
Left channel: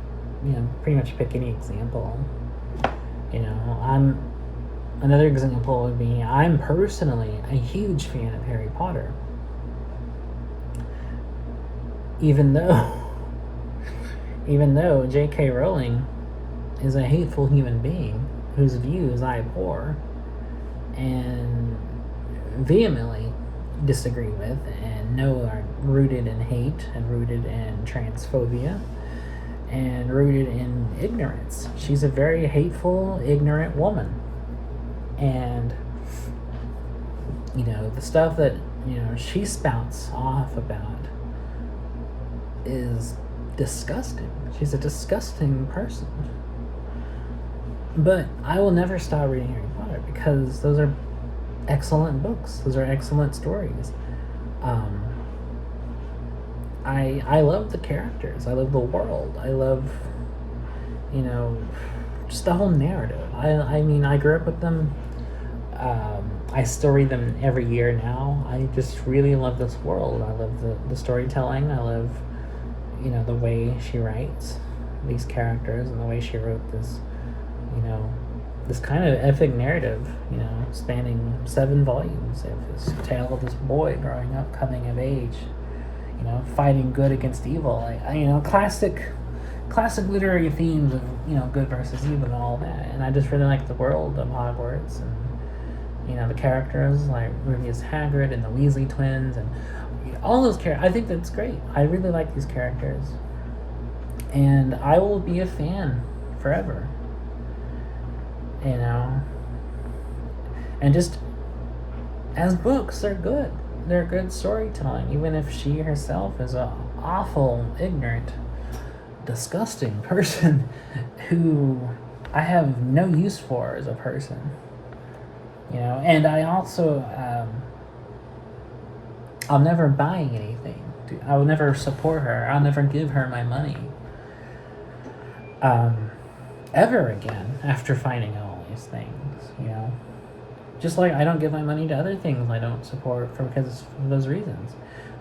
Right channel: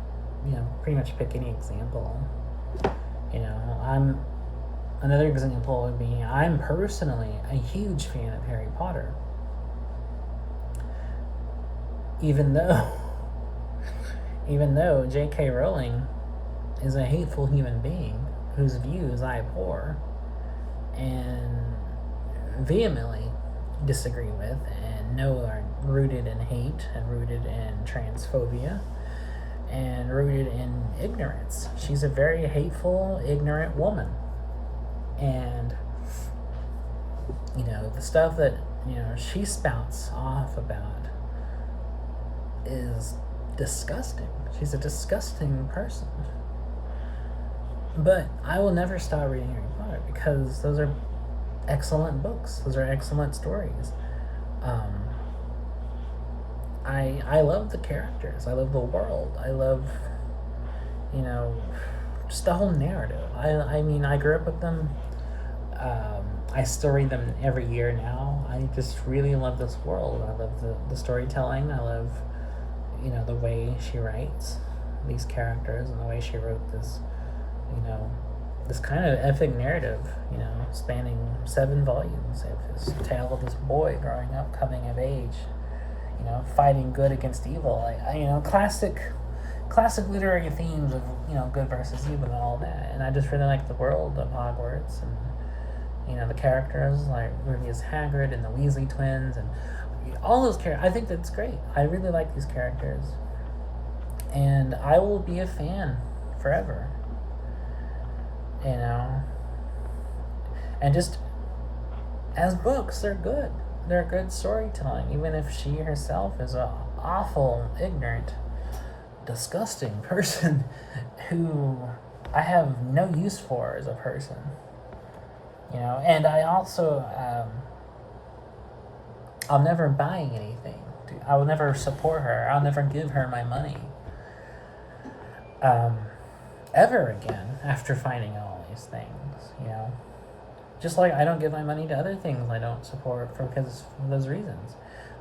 pretty much pick any example. Another example would be, I'm personally a huge fan of Harry Potter. Even though J.K. Rowling is a hateful human being whose views I abhor and vehemently disagree with and know are rooted in hate and rooted in transphobia and rooted in ignorance. She's a very hateful, ignorant woman. And, the stuff that, she spouts off about is disgusting. She's a disgusting person. But I will never stop reading Harry Potter because those are excellent books. Those are excellent stories. I love the characters. I love the world. I love, you know, just the whole narrative. I mean, I grew up with them. I still read them every year now. I just really love this world. I love the storytelling. I love, the way she writes these characters and the way she wrote this, you know, this kind of epic narrative, spanning 7 volumes of this tale of this boy growing up, coming of age, fighting good against evil. Classic literary themes of, good versus evil and all that. And I just really like the world of Hogwarts and, the characters like Rubius Hagrid and the Weasley twins and all those characters. I think that's great. I really like these characters. And I will be a fan forever. And just as books, they're good. They're good storytelling, even if she herself is a awful, ignorant, disgusting person who I have no use for as a person. And I also, I'll never buy anything. I will never support her. I'll never give her my money. Ever again after finding out all these things, Just like I don't give my money to other things I don't support because of those reasons.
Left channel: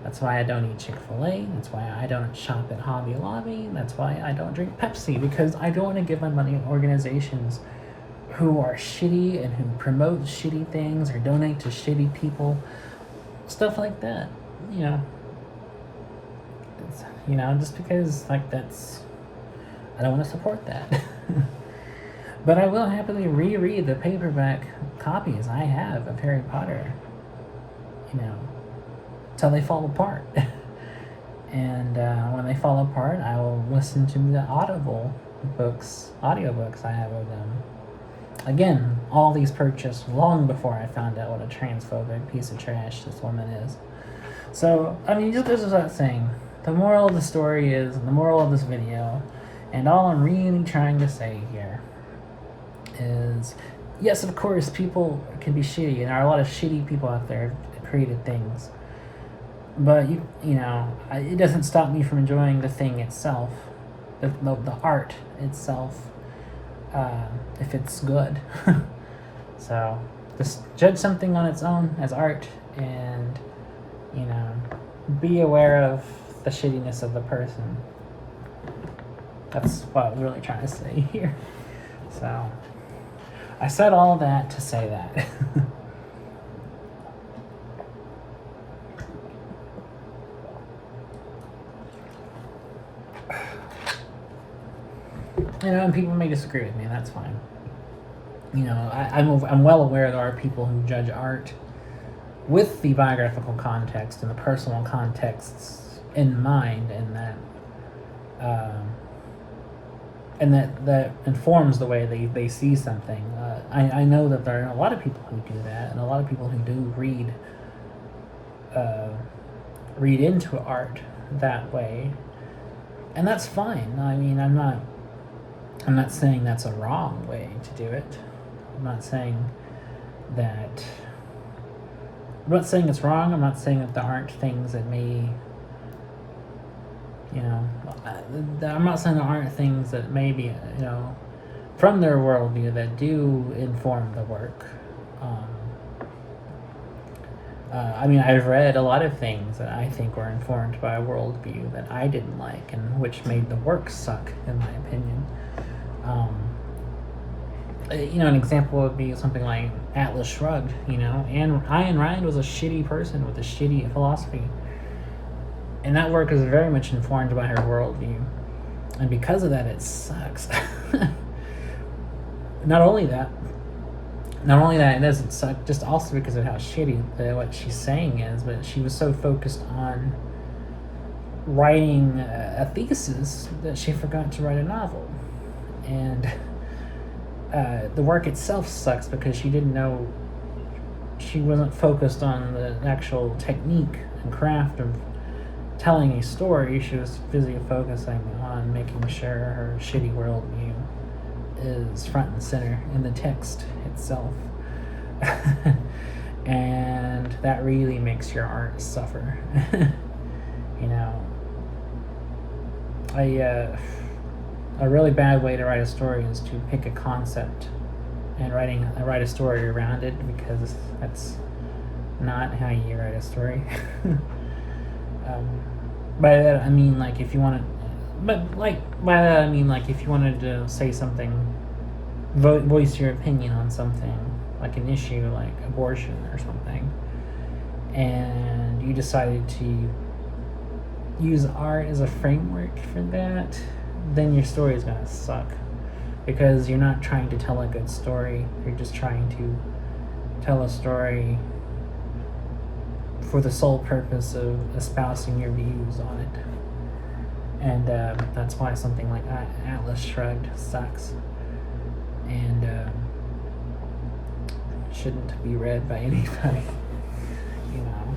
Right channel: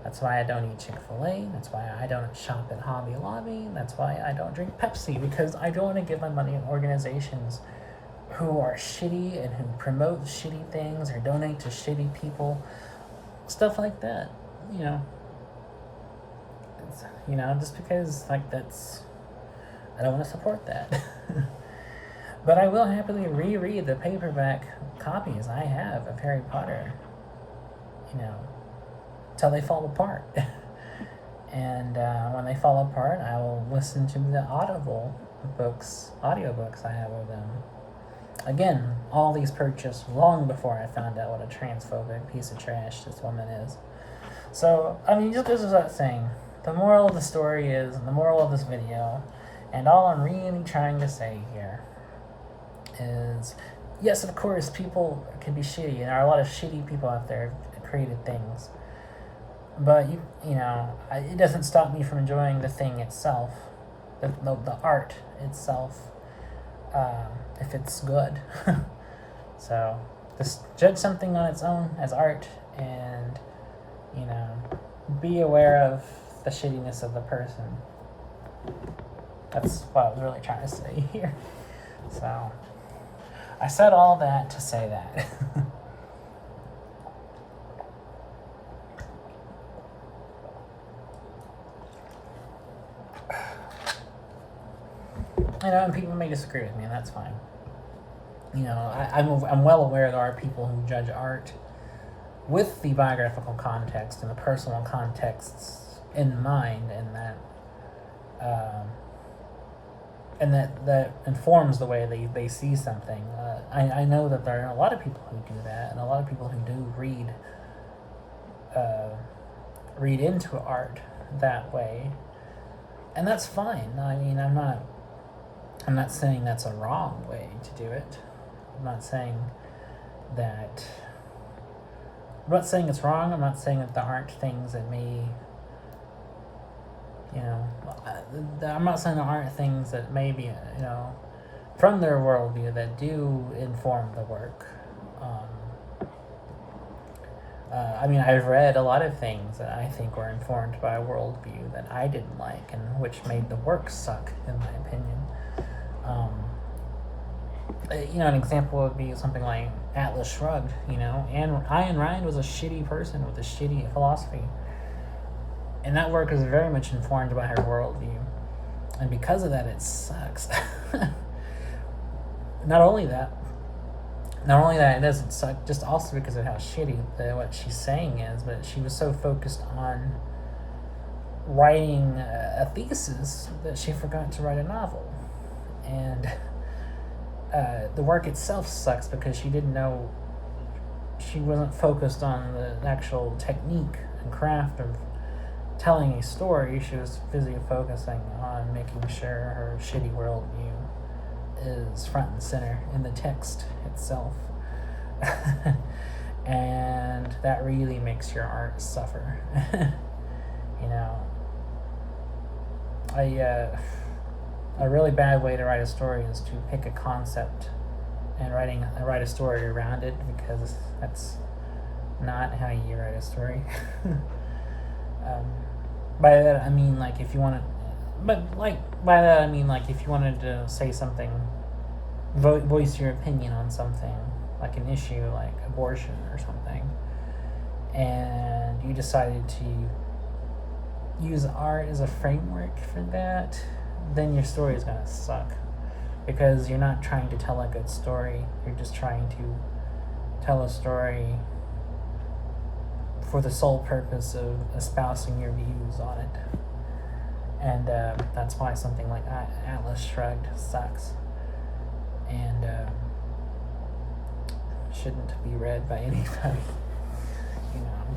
That's why I don't eat Chick-fil-A. That's why I don't shop at Hobby Lobby. That's why I don't drink Pepsi, because I don't want to give my money to organizations who are shitty and who promote shitty things or donate to shitty people. Stuff like that, just because, that's... I don't want to support that. But I will happily reread the paperback copies I have of Harry Potter, till they fall apart. And when they fall apart, I will listen to the audiobooks I have of them. Again, all these purchased long before I found out what a transphobic piece of trash this woman is. So, just goes without saying, the moral of the story is, the moral of this video, and all I'm really trying to say here is, yes, of course, people can be shitty, and there are a lot of shitty people out there who created things. But, it doesn't stop me from enjoying the thing itself, the art itself, if it's good. So, just judge something on its own as art, and, be aware of the shittiness of the person. That's what I was really trying to say here. So, I said all that to say that. And people may disagree with me, and that's fine. I'm well aware there are people who judge art with the biographical context and the personal contexts in mind, and that informs the way they see something. I know that there are a lot of people who do that, and a lot of people who do read into art that way, and that's fine. I'm not saying that's a wrong way to do it. I'm not saying it's wrong. I'm not saying that there aren't things that may, I'm not saying there aren't things that may be, from their worldview that do inform the work. I've read a lot of things that I think were informed by a worldview that I didn't like, and which made the work suck, in my opinion. An example would be something like Atlas Shrugged, and Ayn Rand was a shitty person with a shitty philosophy. And that work is very much informed by her worldview. And because of that, it sucks. Not only that, it doesn't suck, just also because of how shitty what she's saying is, but she was so focused on writing a thesis that she forgot to write a novel. And the work itself sucks because she wasn't focused on the actual technique and craft of telling a story. She was busy focusing on making sure her shitty worldview is front and center in the text itself. And that really makes your art suffer. a really bad way to write a story is to pick a concept and write a story around it, because that's not how you write a story. um, by that I mean, like, if you wanted, but like by that I mean, like, if you wanted to say something, voice your opinion on something, like an issue like abortion or something, and you decided to use art as a framework for that, then your story is gonna suck, because you're not trying to tell a good story. You're just trying to tell a story for the sole purpose of espousing your views on it. And that's why something like Atlas Shrugged sucks, and shouldn't be read by anybody, you know.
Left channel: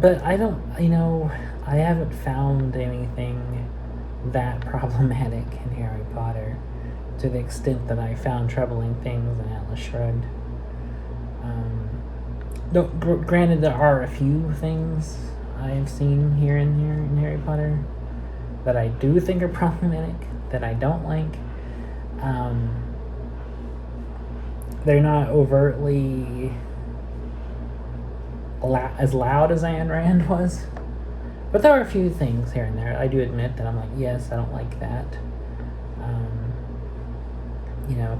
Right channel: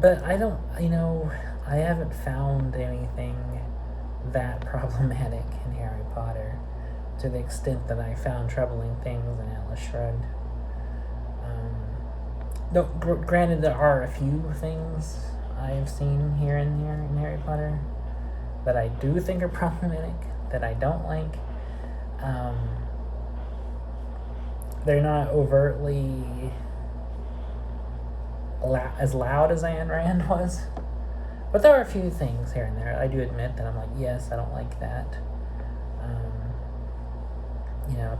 But I don't, I haven't found anything that problematic in Harry Potter, to the extent that I found troubling things in Atlas Shrugged. No, granted, there are a few things I've seen here and there in Harry Potter that I do think are problematic, that I don't like. They're not overtly as loud as Ayn Rand was, but there are a few things here and there I do admit that I'm like, yes, I don't like that.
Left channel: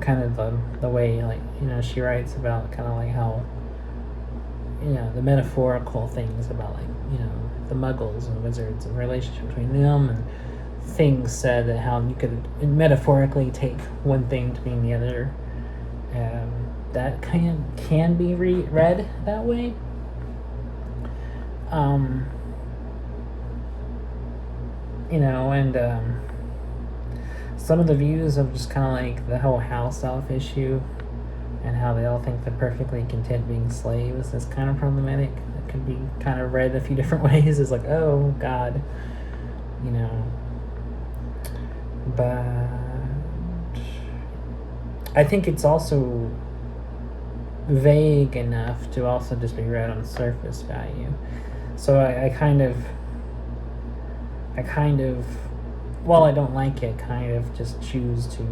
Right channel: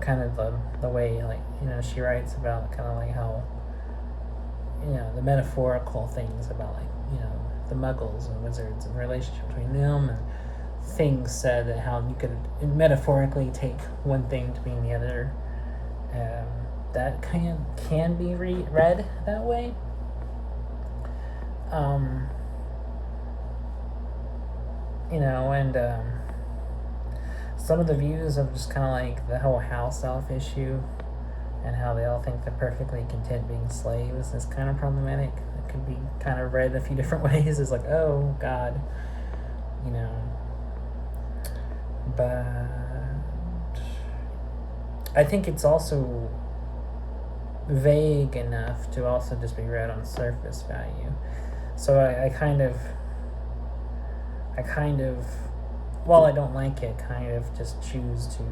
Kind of the way, like, she writes about kind of like how, the metaphorical things about, like, the muggles and wizards and the relationship between them, and things said that how you could metaphorically take one thing to mean the other. That can be read that way. And some of the views of just kind of like the whole house elf issue, and how they all think they're perfectly content being slaves, is kind of problematic. It could be kind of read a few different ways. It's like, oh God, but I think it's also vague enough to also just be read on surface value. So I kind of, while I don't like it, kind of just choose to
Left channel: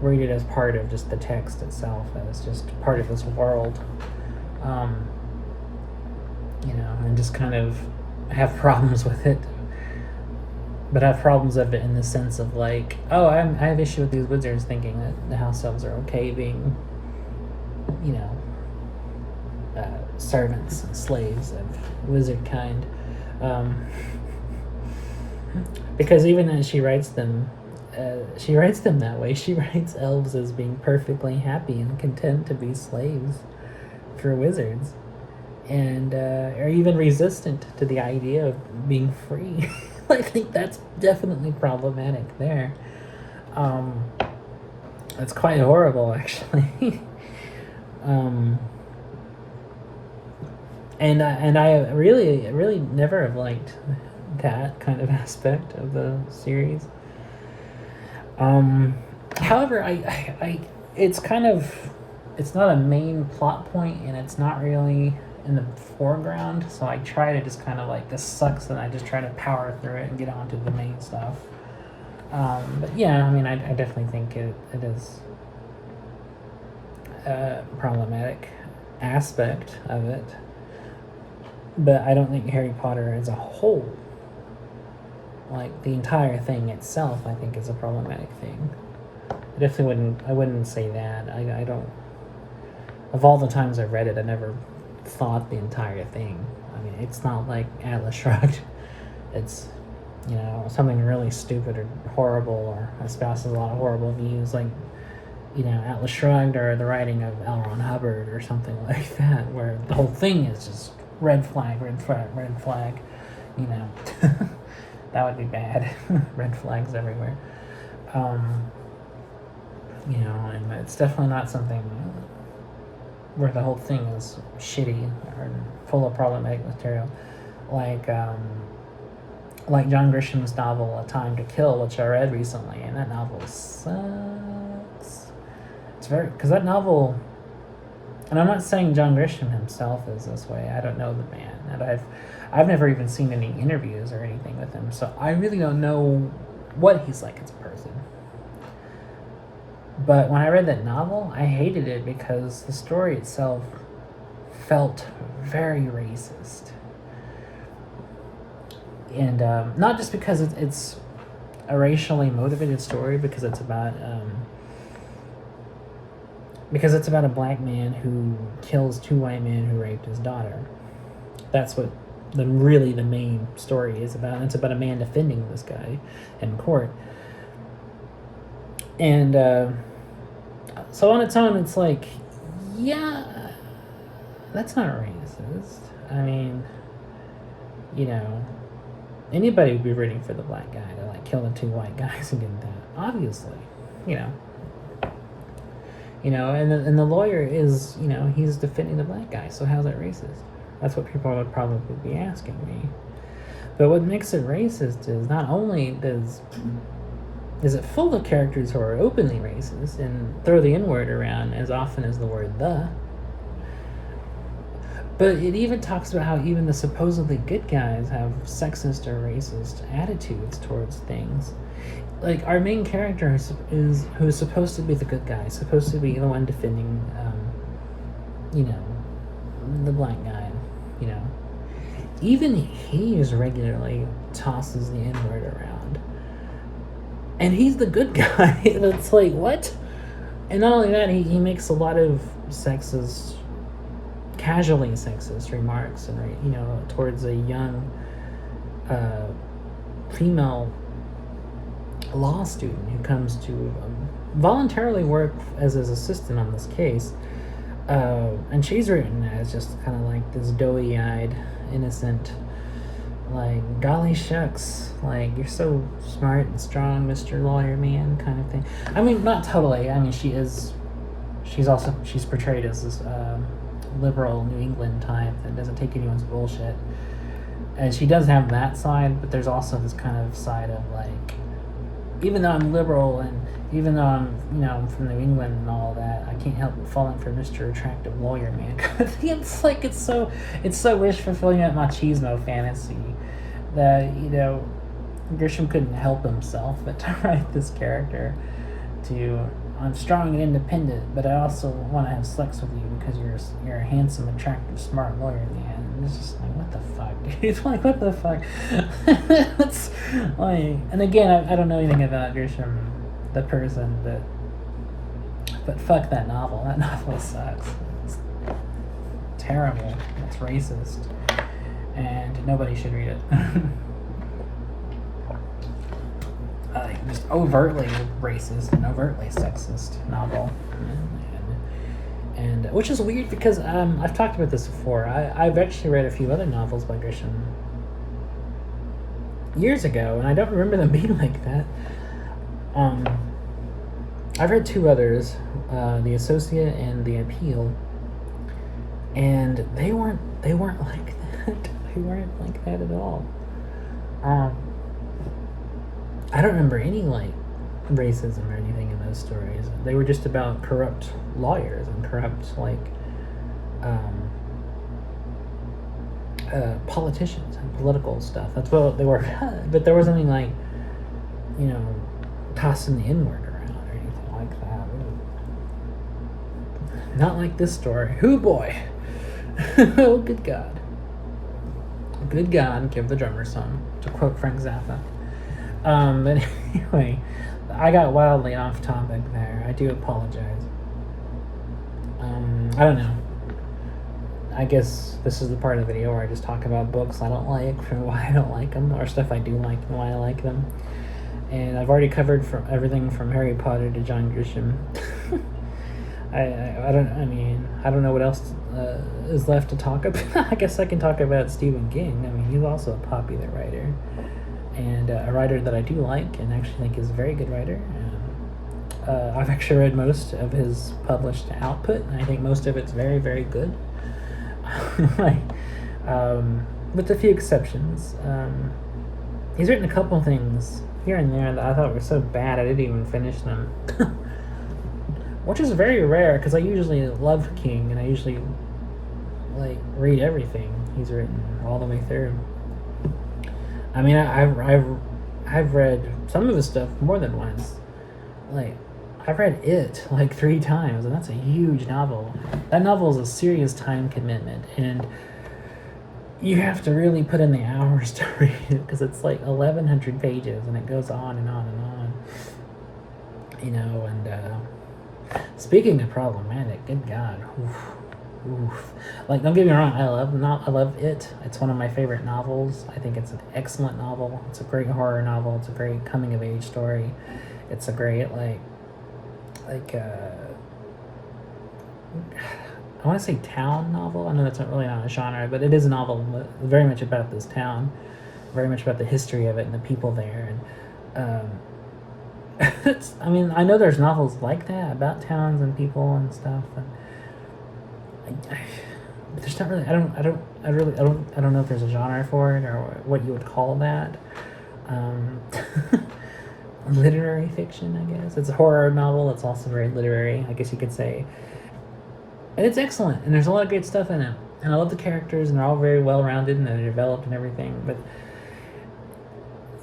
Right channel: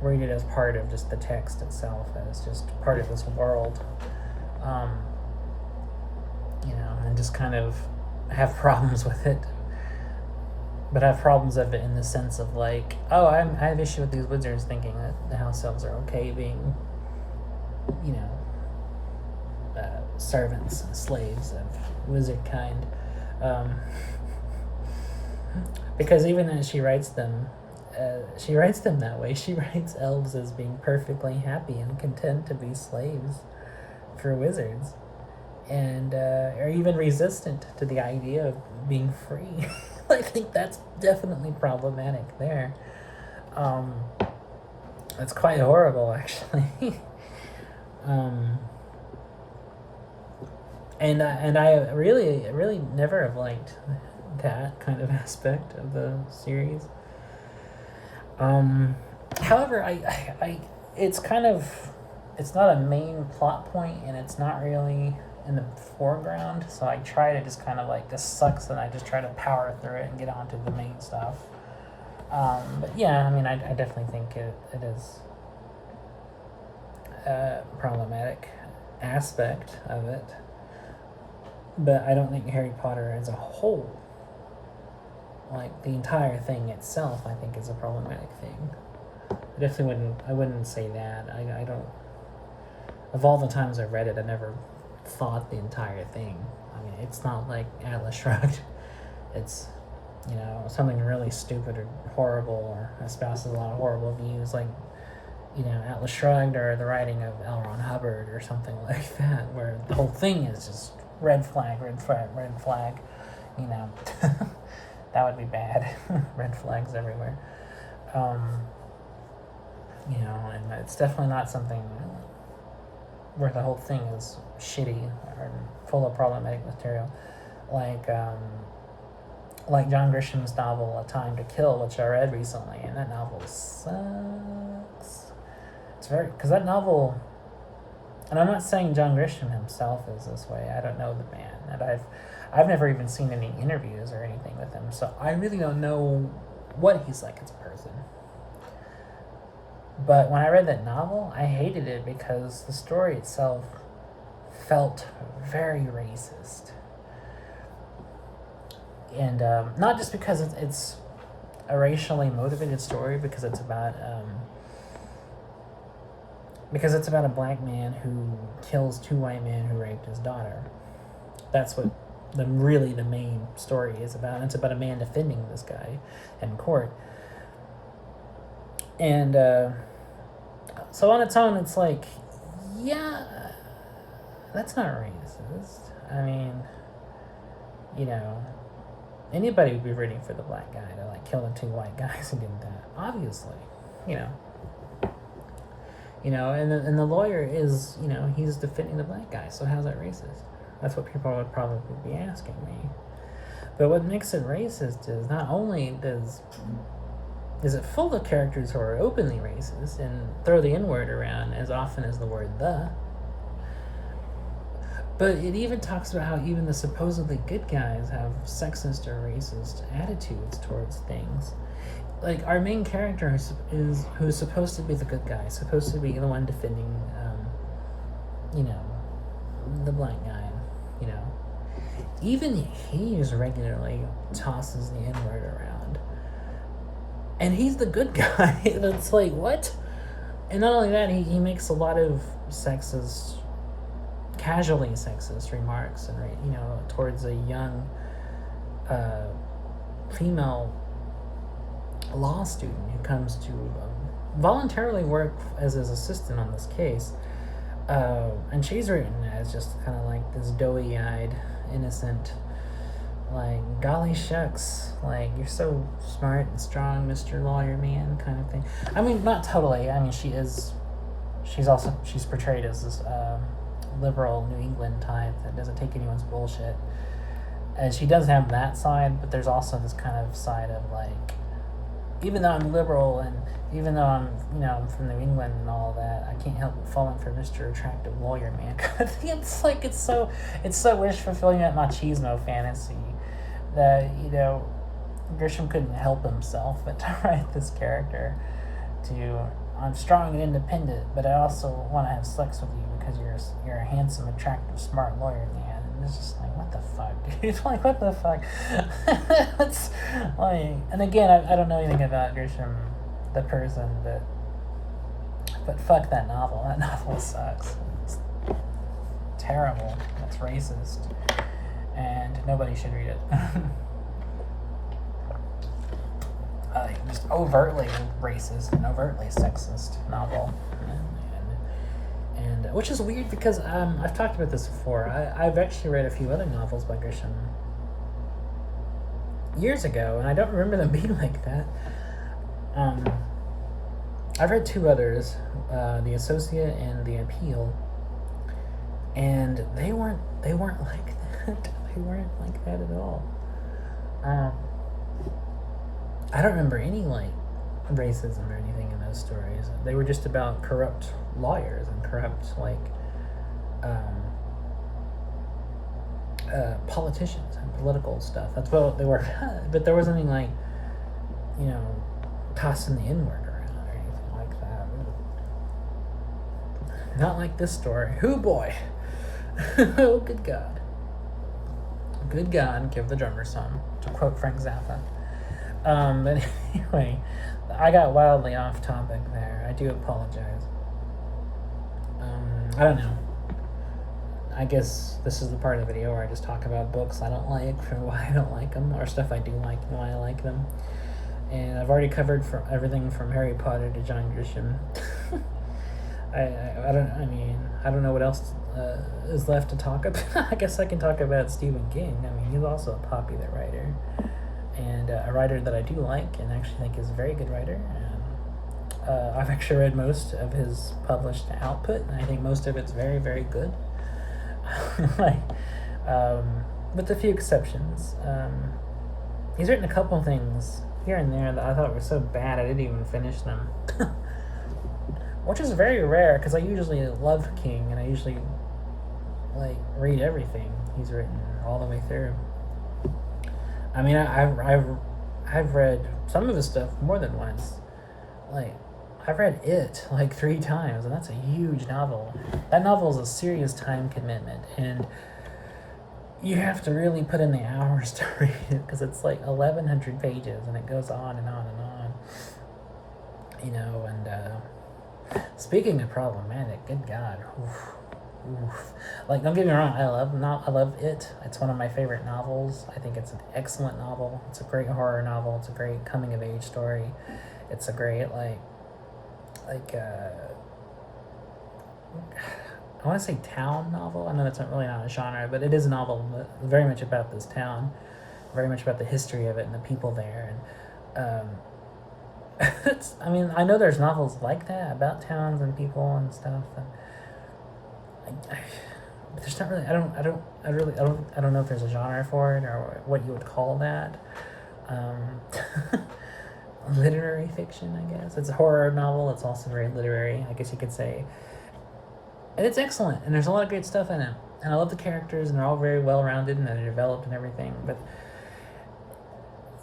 read it as part of just the text itself, as just part of this world, and just kind of have problems with it, but have problems of it in the sense of like, oh, I have issue with these wizards thinking that the house elves are okay being, servants and slaves of wizard kind, because even as she writes them that way. She writes elves as being perfectly happy and content to be slaves for wizards, and are even resistant to the idea of being free. I think that's definitely problematic there. It's quite horrible, actually. And I really never have liked that kind of aspect of the series. However, it's not a main plot point, and it's not really in the foreground, so I try to just kind of like, this sucks, and I just try to power through it and get on to the main stuff. But yeah, I mean, I definitely think it is a problematic aspect of it, but I don't think Harry Potter as a whole, like the entire thing itself, I think is a problematic thing. I wouldn't say that. I don't, of all the times I've read it, I never thought the entire thing. I mean, it's not like Atlas Shrugged. It's, something really stupid or horrible, or espouses a lot of horrible views, like, Atlas Shrugged, or the writing of L. Ron Hubbard, or something like that, where the whole thing is just red flag, red flag, red flag, that would be bad. Red flags everywhere. And it's definitely not something where the whole thing is shitty or full of problematic material. Like John Grisham's novel, A Time to Kill, which I read recently, and that novel sucks. Because that novel, and I'm not saying John Grisham himself is this way, I don't know the man, and I've never even seen any interviews or anything with him, so I really don't know what he's like as a person. But when I read that novel, I hated it because the story itself felt very racist. And not just because it's a racially motivated story, because it's about a black man who kills two white men who raped his daughter. That's what the main story is about. And it's about a man defending this guy in court. And so on its own, it's like, yeah, that's not racist. I mean, anybody would be rooting for the black guy to like kill the two white guys and get that. Obviously, and the lawyer is, he's defending the black guy. So how's that racist? That's what people would probably be asking me. But what makes it racist is not only is it full of characters who are openly racist and throw the N-word around as often as the word the, but it even talks about how even the supposedly good guys have sexist or racist attitudes towards things. Like our main character who's supposed to be the good guy, supposed to be the one defending, the black guy, even he regularly tosses the N-word around. And he's the good guy. And it's like, what? And not only that, he makes a lot of casually sexist remarks, and towards a young female law student who comes to voluntarily work as his assistant on this case. And she's written as just kind of like this doughy-eyed, innocent, like, golly shucks, like, you're so smart and strong, Mr. Lawyer Man, kind of thing. I mean, not totally. I mean, she's portrayed as this liberal New England type that doesn't take anyone's bullshit. And she does have that side, but there's also this kind of side of, like, even though I'm liberal and even though I'm, I'm from New England and all of that, I can't help but falling for Mr. Attractive Lawyer Man. It's like, it's so wish fulfilling, that machismo fantasy that, Grisham couldn't help himself but to write this character to, I'm strong and independent, but I also want to have sex with you because you're a handsome, attractive, smart lawyer man. And it's just like, what the fuck, dude? It's like, what the fuck? It's like, and again, I don't know anything about Grisham, the person, but fuck that novel. That novel sucks. It's terrible. It's racist, and nobody should read it. Just overtly racist and overtly sexist novel, and which is weird because I've talked about this before. I've actually read a few other novels by Grisham years ago, and I don't remember them being like that. I've read two others, The Associate and The Appeal, and they weren't like that. They weren't like that at all. I don't remember any like racism or anything in those stories. They were just about corrupt lawyers and corrupt politicians and political stuff. That's what they were. But there wasn't any like, tossing the N-word around or anything like that. Not like this story. Hoo boy. Oh, good God. Good God, give the drummer some, to quote Frank Zappa. But anyway, I got wildly off topic there. I do apologize. I don't know. I guess this is the part of the video where I just talk about books I don't like, from why I don't like them, or stuff I do like and why I like them. And I've already covered everything from Harry Potter to John Grisham. I don't know what else is left to talk about. I guess I can talk about Stephen King. I mean, he's also a popular writer, and a writer that I do like and actually think is a very good writer. I've actually read most of his published output, and I think most of it's very, very good. With a few exceptions. He's written a couple things here and there that I thought were so bad I didn't even finish them. Which is very rare, because I usually love King, and I usually read everything he's written, all the way through. I mean, I've read some of his stuff more than once. Like, I've read it like 3 times, and that's a huge novel. That novel is a serious time commitment, and you have to really put in the hours to read it because it's like 1,100 pages, and it goes on and on and on. You know, and speaking of problematic, good God. Oof. Like, don't get me wrong, I love it. It's one of my favorite novels. I think it's an excellent novel. It's a great horror novel. It's a great coming of age story. It's a great I want to say town novel. I know that's not really not a genre, but it is a novel very much about this town, very much about the history of it and the people there. And I mean, I know there's novels like that about towns and people and stuff. And there's not really. I don't know if there's a genre for it or what you would call that. Literary fiction, I guess. It's a horror novel. It's also very literary, I guess you could say. And it's excellent, and there's a lot of great stuff in it. And I love the characters, and they're all very well-rounded, and they're developed and everything. But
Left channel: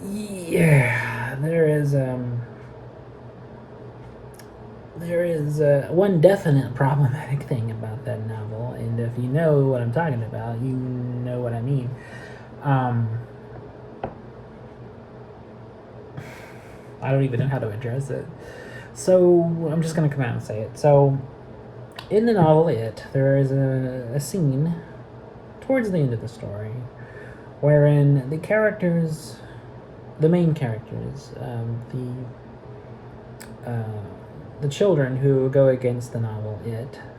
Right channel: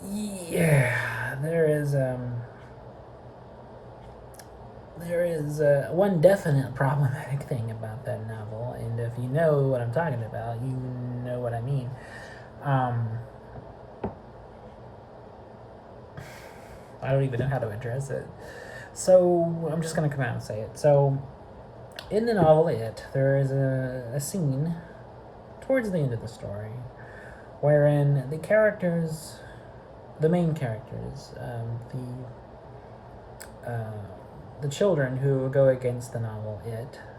yeah, there is one definite problematic thing about that novel, and if you know what I'm talking about, you know what I mean. I don't even know how to address it. So I'm just going to come out and say it. So in the novel there is a scene towards the end of the story wherein the main characters, the children who go against the novel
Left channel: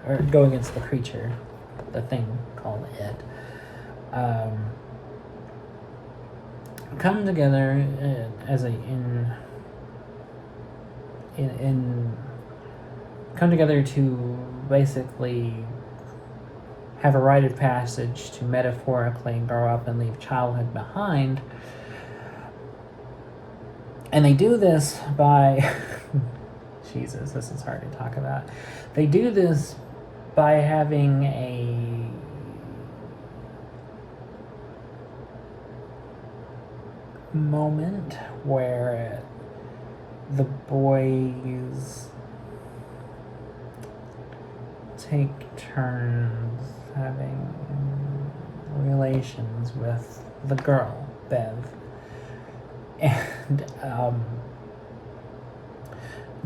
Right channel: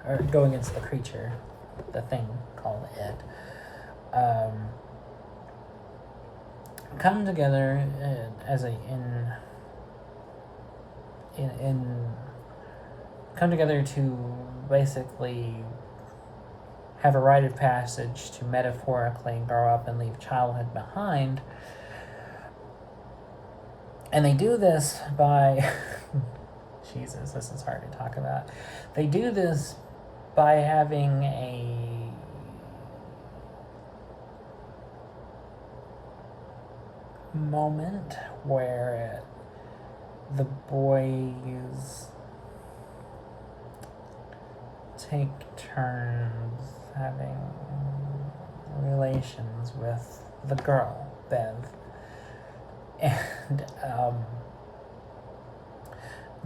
or go against the creature, the thing called come together come together to basically have a rite of passage to metaphorically grow up and leave childhood behind. And they do this by Jesus, this is hard to talk about. They do this by having a moment where the boys take turns having relations with the girl, Bev. And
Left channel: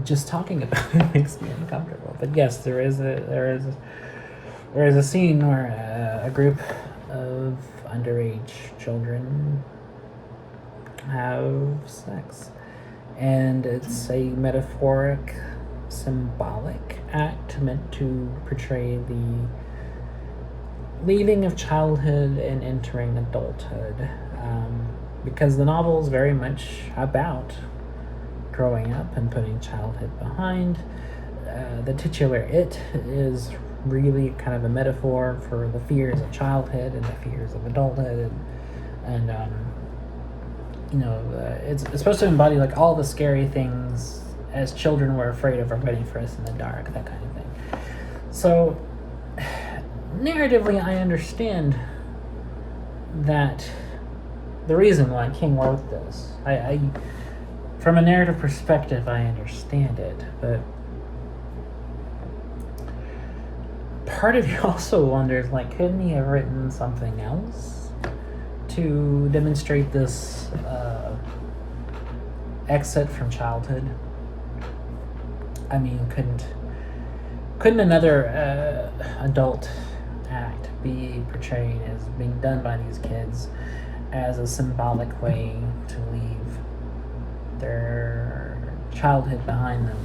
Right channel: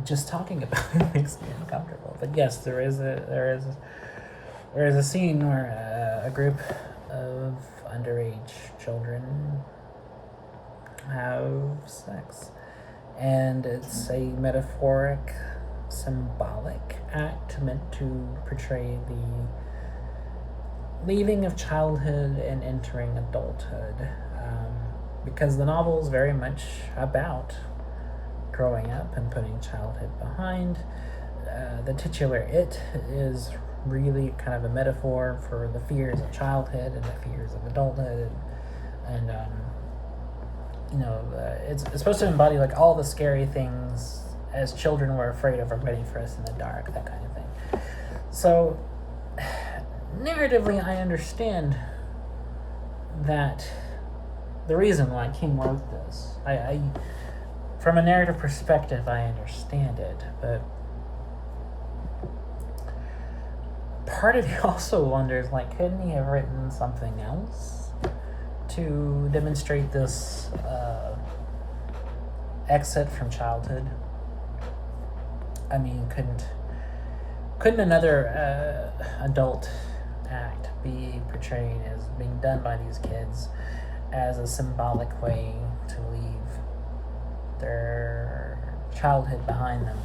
just talking about it makes me uncomfortable. But yes, there is a scene where a group of underage children have sex. And it's a metaphoric, symbolic act meant to portray the leaving of childhood and entering adulthood. Because the novel is very much about growing up and putting childhood behind. The titular "it" is really kind of a metaphor for the fears of childhood and the fears of adulthood, and it's supposed to embody like all the scary things as children were afraid of or waiting for us in the dark, that kind of thing. So, narratively, I understand that the reason why King wrote this. I from a narrative perspective, I understand it, but part of me also wonders, like, couldn't he have written something else to demonstrate this exit from childhood? I mean, couldn't another adult act be portrayed as being done by these kids as a symbolic way to leave their childhood behind them?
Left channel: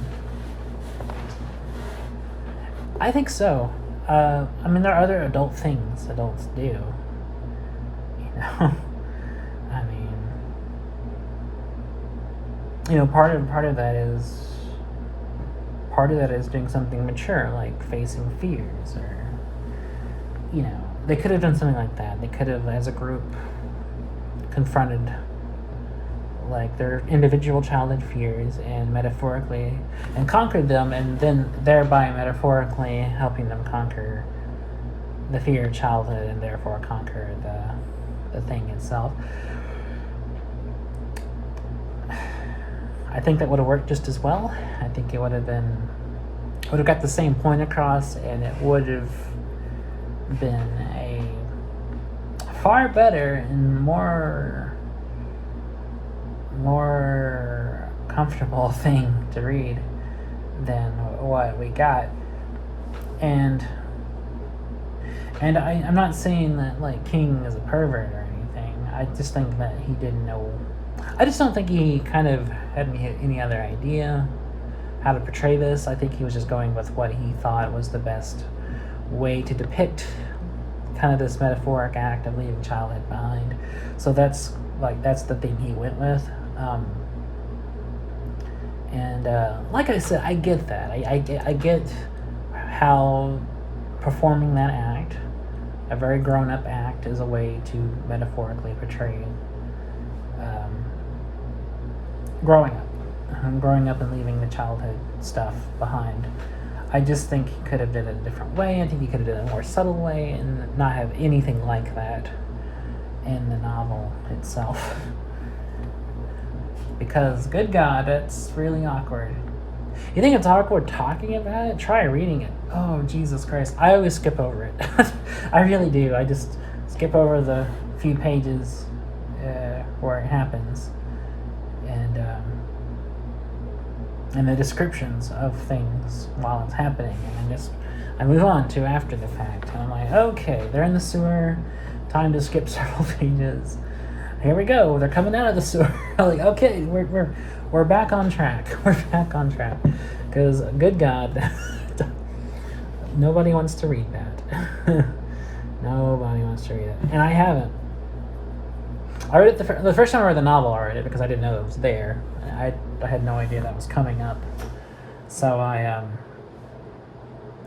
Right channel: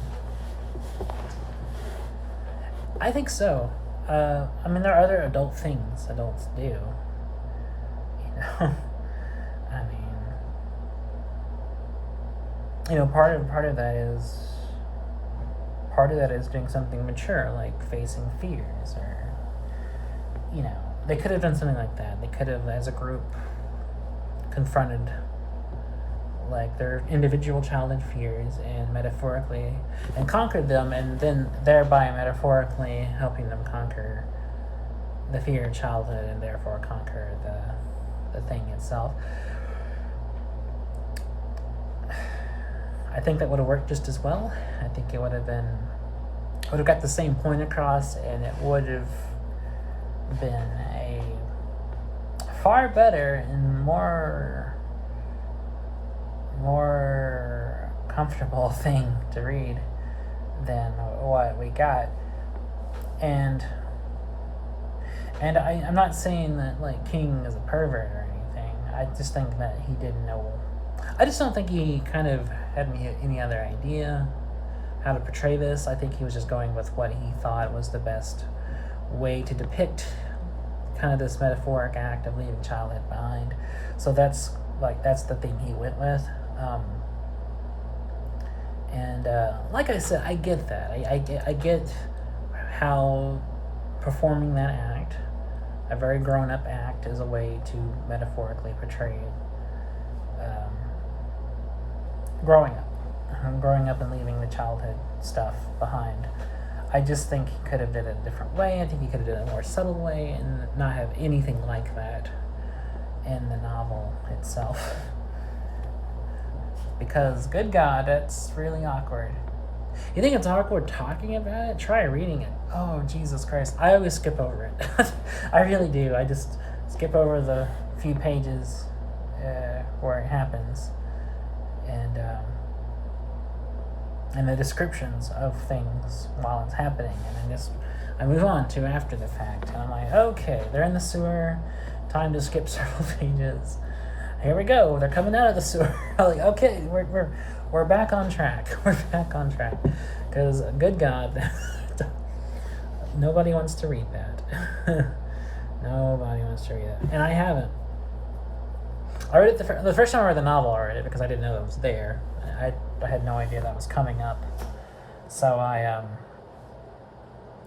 I think so. I mean, there are other adult things adults do. I mean, part of that is doing something mature, like facing fears, or they could have done something like that. They could have, as a group, confronted like their individual childhood fears and metaphorically and conquered them, and then thereby metaphorically helping them conquer the fear of childhood and therefore conquer the thing itself. I think that would have worked just as well. I think it would have got the same point across, and it would have been a far better and more comfortable thing to read than what we got. And I'm not saying that like King is a pervert or anything. I just think that he didn't know. I just don't think he kind of had any other idea how to portray this. I think he was just going with what he thought was the best way to depict kind of this metaphoric act of leaving childhood behind. So that's the thing he went with. Like I said, I get that. I get how performing that act, a very grown-up act, is a way to metaphorically portray growing up and leaving the childhood stuff behind. I just think he could have done it a different way. I think he could have done it a more subtle way and not have anything like that in the novel itself. Because, good God, that's really awkward. You think it's awkward talking about it? Try reading it. Oh, Jesus Christ. I always skip over it. I really do. I just skip over the few pages where it happens. And the descriptions of things while it's happening. And I move on to after the fact. And I'm like, okay, they're in the sewer. Time to skip several pages. Here we go. They're coming out of the sewer. I'm like, okay, we're back on track. We're back on track. Because, good God, nobody wants to read that. Nobody wants to read it. And I haven't. I read it the first time I read the novel. I read it because I didn't know it was there. I had no idea that was coming up. So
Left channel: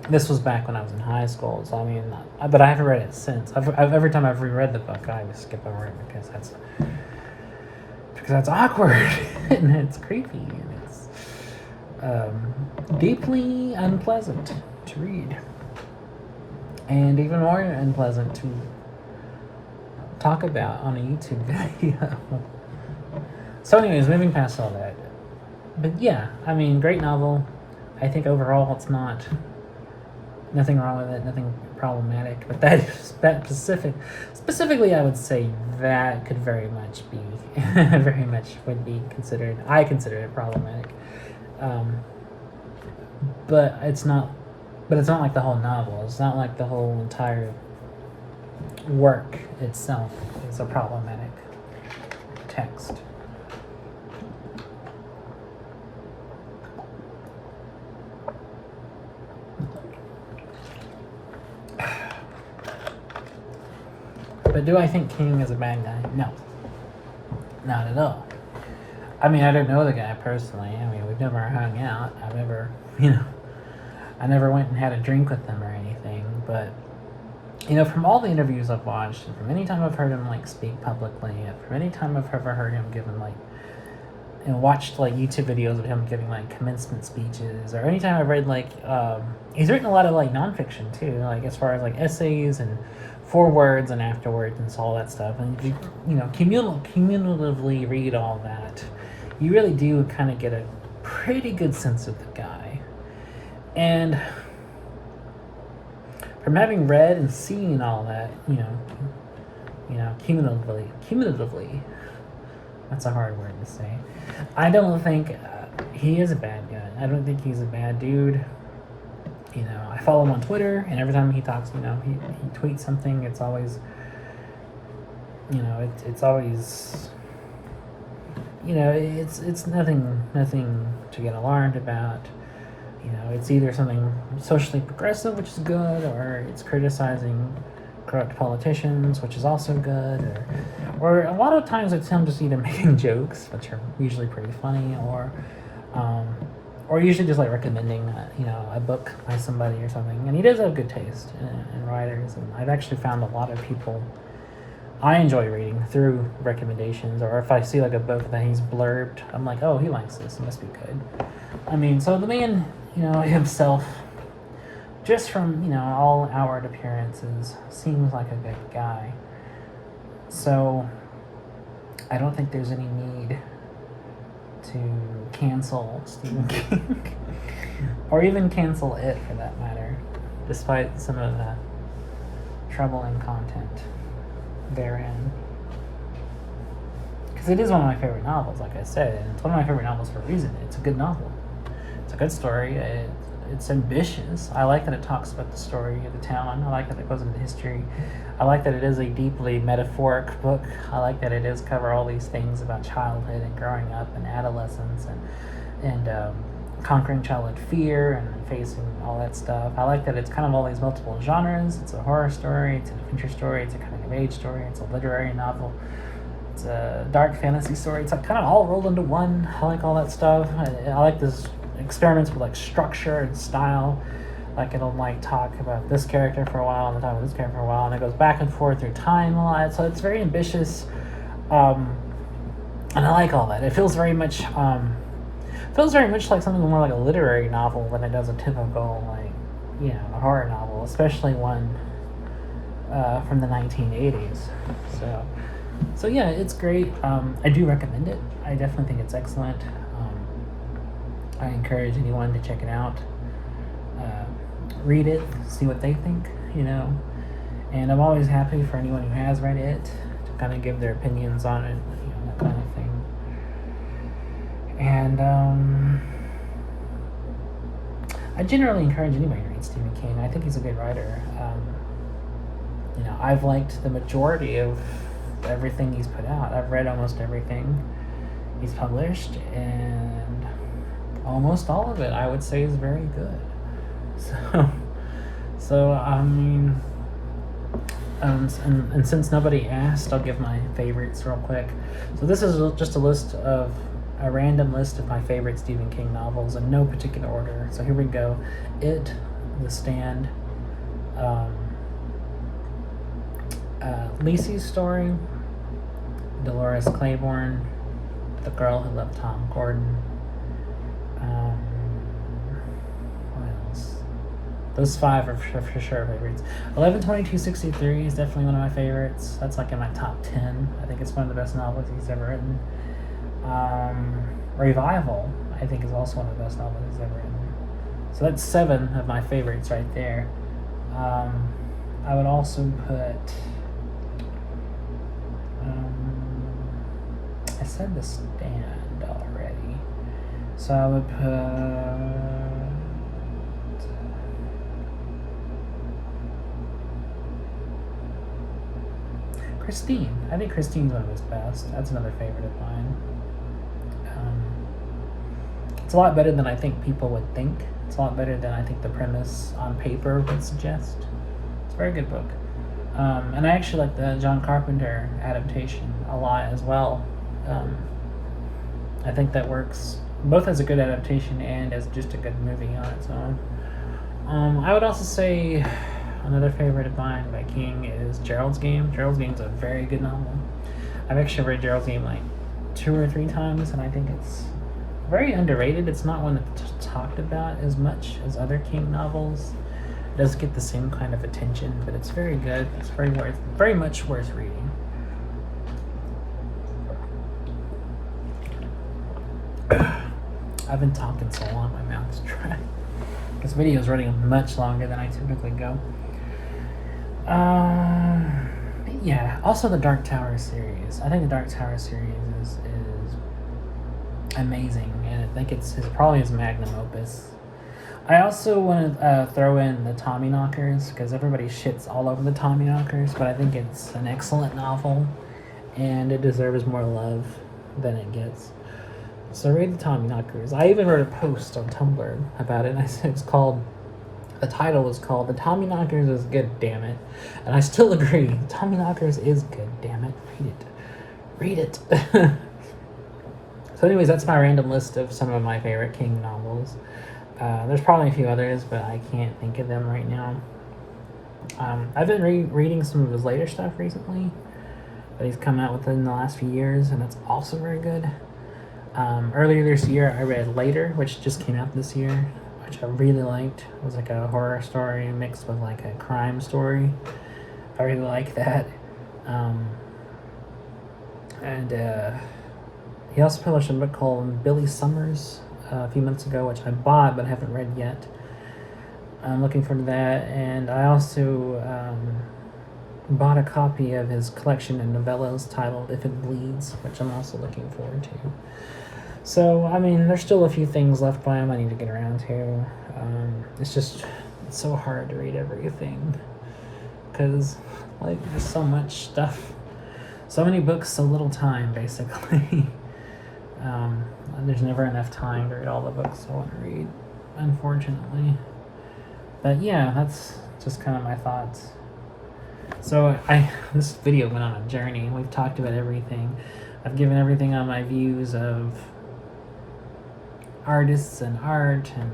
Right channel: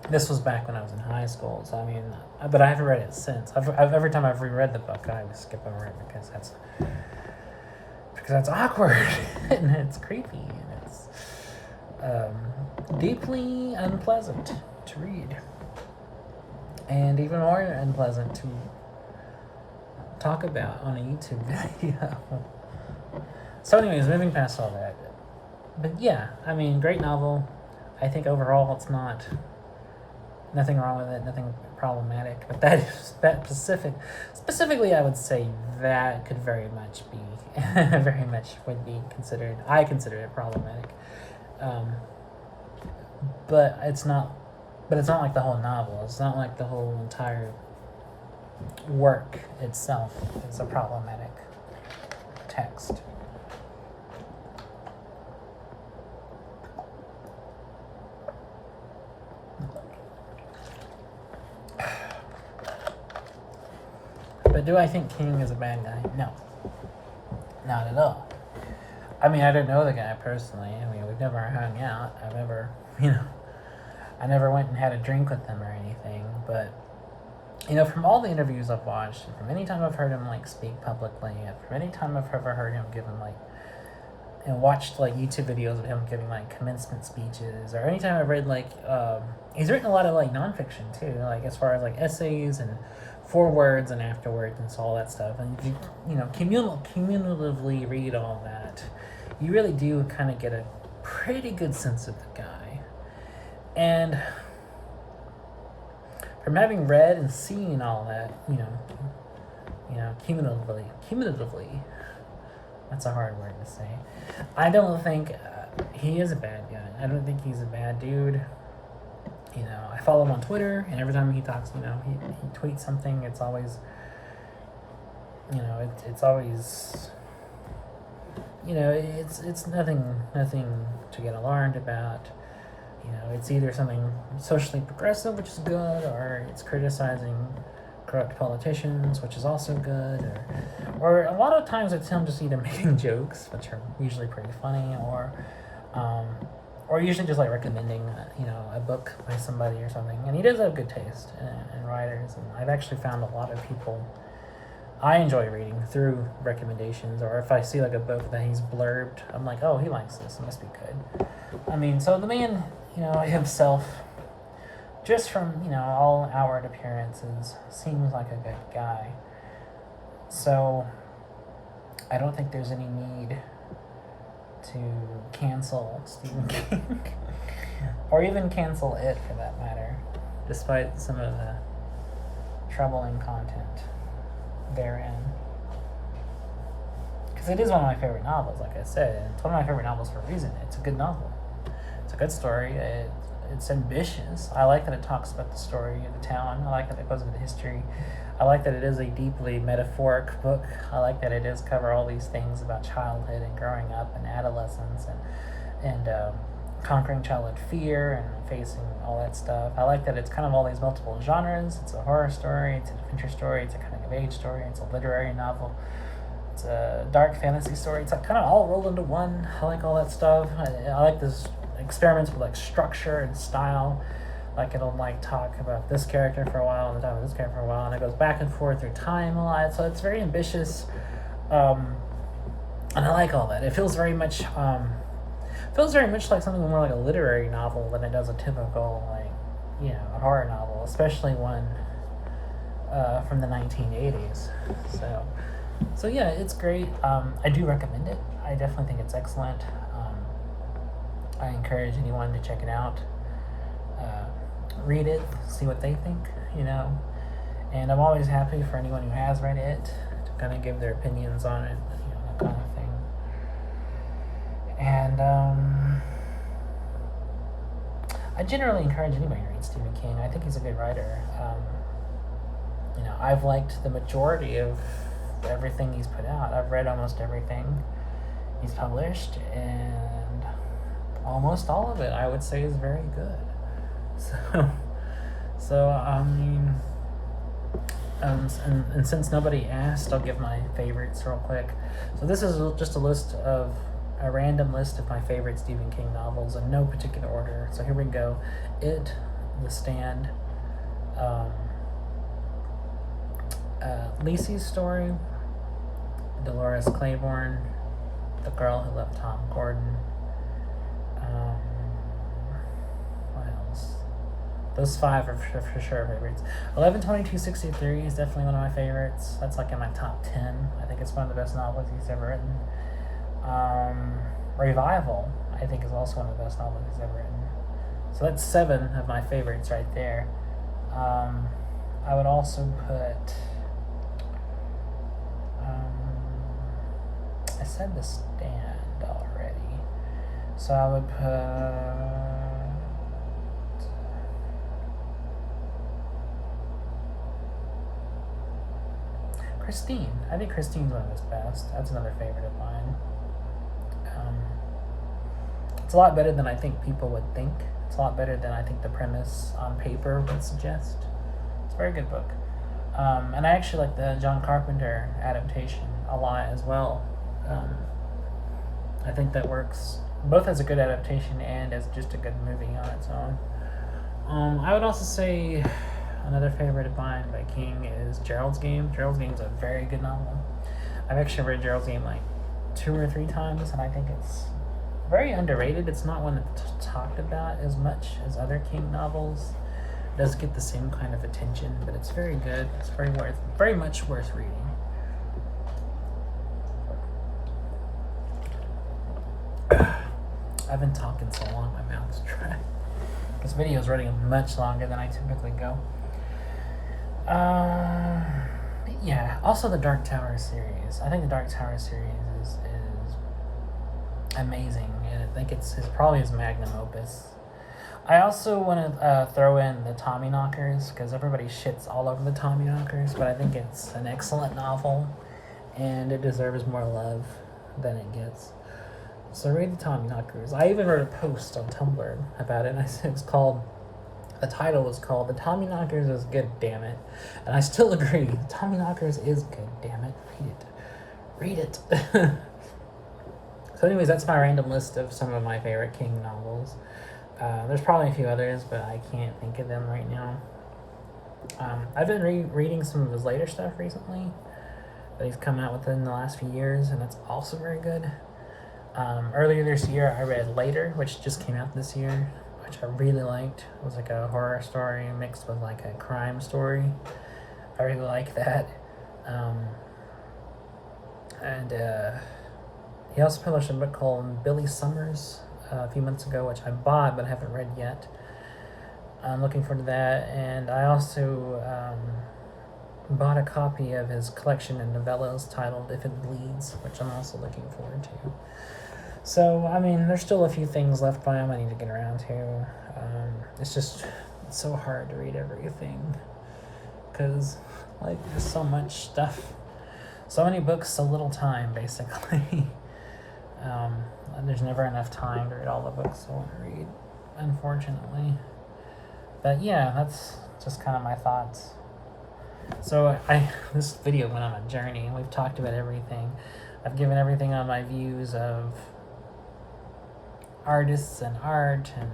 this was back when I was in high school. So I mean, but I haven't read it since. Every time I've reread the book, I just skip over it because that's awkward and it's creepy and it's deeply unpleasant to read, and even more unpleasant to talk about on a YouTube video. So anyways, moving past all that. But yeah, I mean, great novel. I think overall it's nothing wrong with it, nothing problematic. But specifically I would say that could very much would be considered, I consider it problematic. But it's not like the whole novel. It's not like the whole entire work itself is a problematic text. But do I think King is a bad guy? No. Not at all. I mean, I don't know the guy personally. I mean, we've never hung out. I never went and had a drink with him or anything. But, from all the interviews I've watched, and from any time I've heard him, speak publicly, and from any time I've ever heard him give him, watched, YouTube videos of him giving, commencement speeches, or anytime I've read, he's written a lot of, nonfiction, too, as far as, essays and forewords and afterwards and all that stuff. And if you, cumulatively read all that, you really do kind of get a pretty good sense of the guy. And from having read and seen all that, cumulatively, that's a hard word to say. I don't think he is a bad guy. I don't think he's a bad dude. I follow him on Twitter, and every time he talks, he tweets something. It's always, it's always, it's nothing to get alarmed about. It's either something socially progressive, which is good, or it's criticizing corrupt politicians, which is also good, or a lot of times it's him just either making jokes, which are usually pretty funny, or usually just recommending a book by somebody or something. And he does have good taste in writers, and I've actually found a lot of people I enjoy reading through recommendations, or if I see a book that he's blurbed, I'm like, oh, he likes this, it must be good. I mean, so the man, himself, just from all outward appearances, seems like a good guy. So I don't think there's any need to cancel Stephen King or even cancel it for that matter, despite some of the troubling content therein. Because it is one of my favorite novels, like I said, and it's one of my favorite novels for a reason. It's a good novel. It's a good story. It's ambitious. I like that it talks about the story of the town. I like that it goes into history. I like that it is a deeply metaphoric book. I like that it does cover all these things about childhood and growing up and adolescence and conquering childhood fear and facing all that stuff. I like that it's kind of all these multiple genres. It's a horror story, it's an adventure story, it's a coming of age story, it's a literary novel, it's a dark fantasy story. It's like kind of all rolled into one. I like all that stuff. I like this experiments with like structure and style. Like it'll like talk about this character for a while and then talk about this character for a while, and it goes back and forth through time a lot. So it's very ambitious, and I like all that. It feels very much like something more like a literary novel than it does a typical a horror novel, especially one from the 1980s. So yeah, it's great. I do recommend it. I definitely think it's excellent. I encourage anyone to check it out, read it, see what they think, and I'm always happy for anyone who has read it to kind of give their opinions on it, that kind of thing. And I generally encourage anybody to read Stephen King. I think he's a good writer. I've liked the majority of everything he's put out. I've read almost everything he's published, and almost all of it I would say is very good. So I mean, and since nobody asked, I'll give my favorites real quick. So this is just a random list of my favorite Stephen King novels in no particular order. So here we go: It, The Stand, Lisey's Story, Dolores Claiborne, The Girl Who Loved Tom Gordon. What else? Those five are for sure favorites. 11/22/63 is definitely one of my favorites. That's like in my top 10. I think it's one of the best novels he's ever written. Revival, I think, is also one of the best novels he's ever written. So that's 7 of my favorites right there. I would also put... I said The Stand already. So I would put... Christine. I think Christine's one of his best. That's another favorite of mine. It's a lot better than I think people would think. It's a lot better than I think the premise on paper would suggest. It's a very good book. And I actually like the John Carpenter adaptation a lot as well. I think that works both as a good adaptation and as just a good movie on its own. I would also say another favorite of mine by King is Gerald's Game. Gerald's Game is a very good novel. I've actually read Gerald's Game like 2 or 3 times, and I think it's very underrated. It's not one that's talked about as much as other King novels. It does get the same kind of attention, but it's very good. It's very much worth reading. I've been talking so long, my mouth's dry. This video is running much longer than I typically go. Yeah, also the Dark Tower series. I think the Dark Tower series is amazing, and I think it's probably his magnum opus. I also want to throw in the Tommyknockers, because everybody shits all over the Tommyknockers, but I think it's an excellent novel, and it deserves more love than it gets. So read the Tommyknockers. I even wrote a post on Tumblr about it, and I said the title was called "The Tommyknockers is Good, Damn It," and I still agree. The Tommyknockers is good, damn it. Read it. So anyways, that's my random list of some of my favorite King novels. There's probably a few others, but I can't think of them right now. I've been reading some of his later stuff recently that he's come out within the last few years, and that's also very good. Earlier this year, I read Later, which just came out this year, which I really liked. It was like a horror story mixed with like a crime story. I really like that. And he also published a book called Billy Summers a few months ago, which I bought but haven't read yet. I'm looking forward to that. And I also bought a copy of his collection of novellas titled If It Bleeds, which I'm also looking forward to. So, I mean, there's still a few things left by him I need to get around to. It's so hard to read everything because, like, there's so much stuff. So many books, so little time, basically. There's never enough time to read all the books I want to read, unfortunately. But yeah, that's just kind of my thoughts. So this video went on a journey. We've talked about everything. I've given everything on my views of artists and art and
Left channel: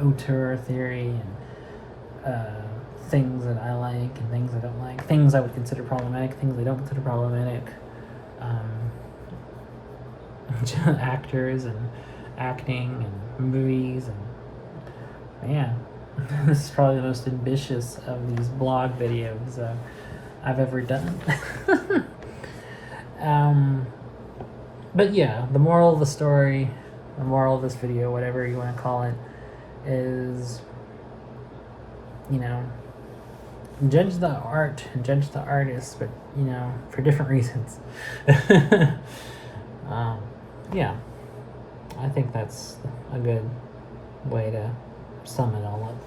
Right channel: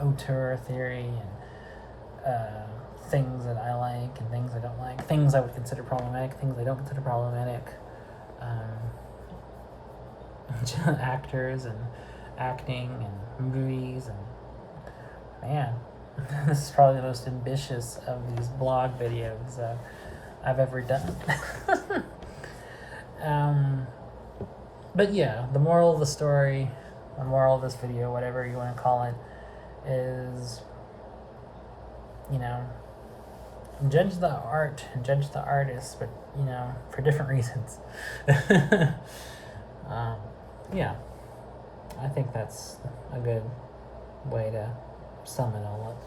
auteur theory and things that I like and things I don't like, things I would consider problematic, things I don't consider problematic, actors and acting and movies, and man, this is probably the most ambitious of these blog videos I've ever done. But yeah, the moral of the story, the moral of this video, whatever you want to call it, is, judge the art and judge the artist, but, for different reasons. Yeah, I think that's a good way to sum it all up.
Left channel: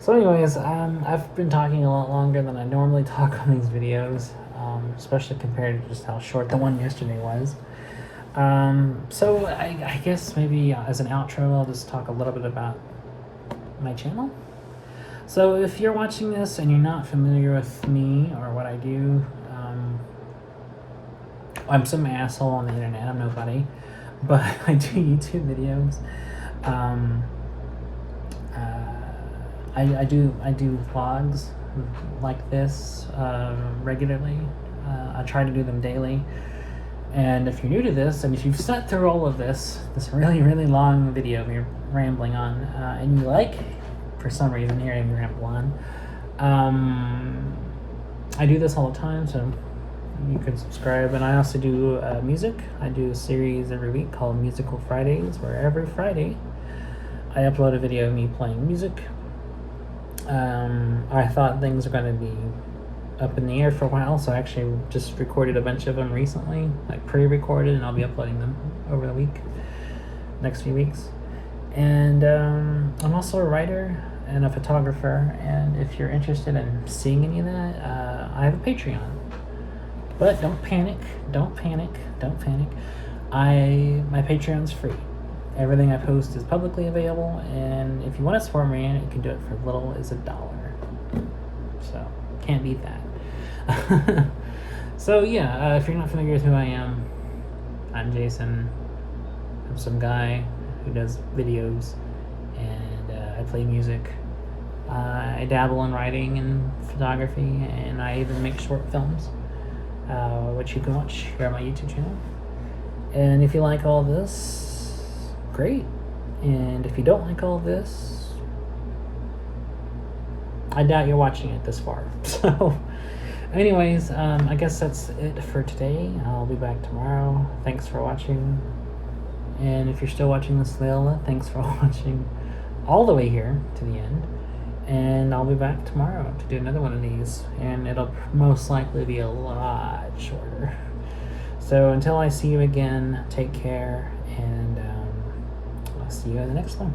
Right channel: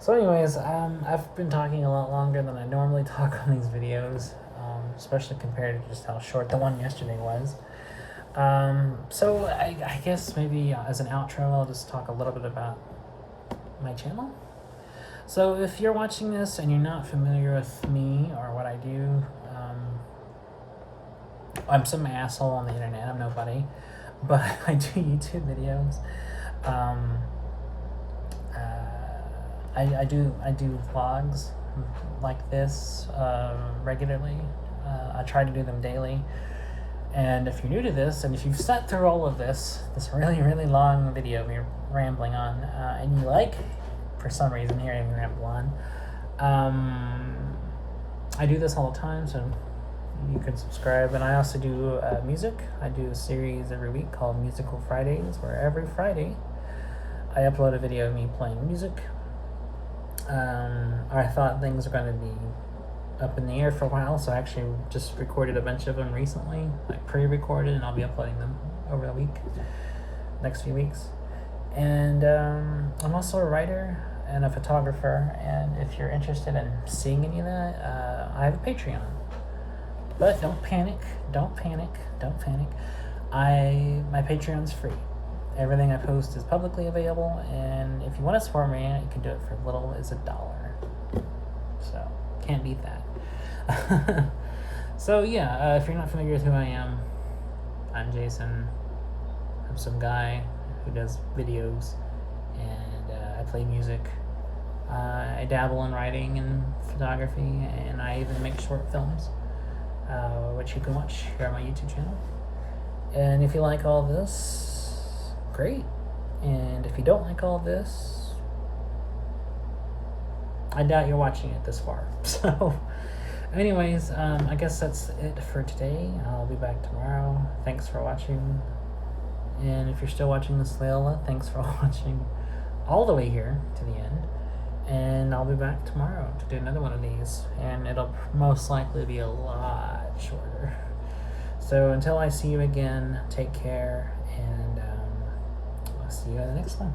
So anyways, I've been talking a lot longer than I normally talk on these videos, especially compared to just how short the one yesterday was. So I guess maybe as an outro, I'll just talk a little bit about my channel. So if you're watching this and you're not familiar with me or what I do, I'm some asshole on the internet. I'm nobody, but I do YouTube videos. I do vlogs like this regularly. I try to do them daily. And if you're new to this, and if you've sat through all of this really, really long video me rambling on, and you like, for some reason, hearing me ramble on, I do this all the time, so you can subscribe. And I also do music. I do a series every week called Musical Fridays, where every Friday I upload a video of me playing music. I thought things were going to be up in the air for a while, so I actually just recorded a bunch of them recently, like pre-recorded, and I'll be uploading them over the next few weeks. And I'm also a writer and a photographer, and if you're interested in seeing any of that, I have a Patreon. But don't panic, my Patreon's free. Everything I post is publicly available, and if you want to support me, you can do it for as little as $1. So, can't beat that. So yeah, if you're not familiar with who I am, I'm Jason. I'm some guy who does videos, and I play music. I dabble in writing and photography, and I even make short films, which you can watch here on my YouTube channel. And if you like all this, great. And if you don't like all this, I doubt you're watching it this far. So anyways, I guess that's it for today. I'll be back tomorrow. Thanks for watching. And if you're still watching this, Lilla, thanks for watching all the way here to the end. And I'll be back tomorrow to do another one of these, and it'll most likely be a lot shorter. So until I see you again, take care, and I'll see you in the next one.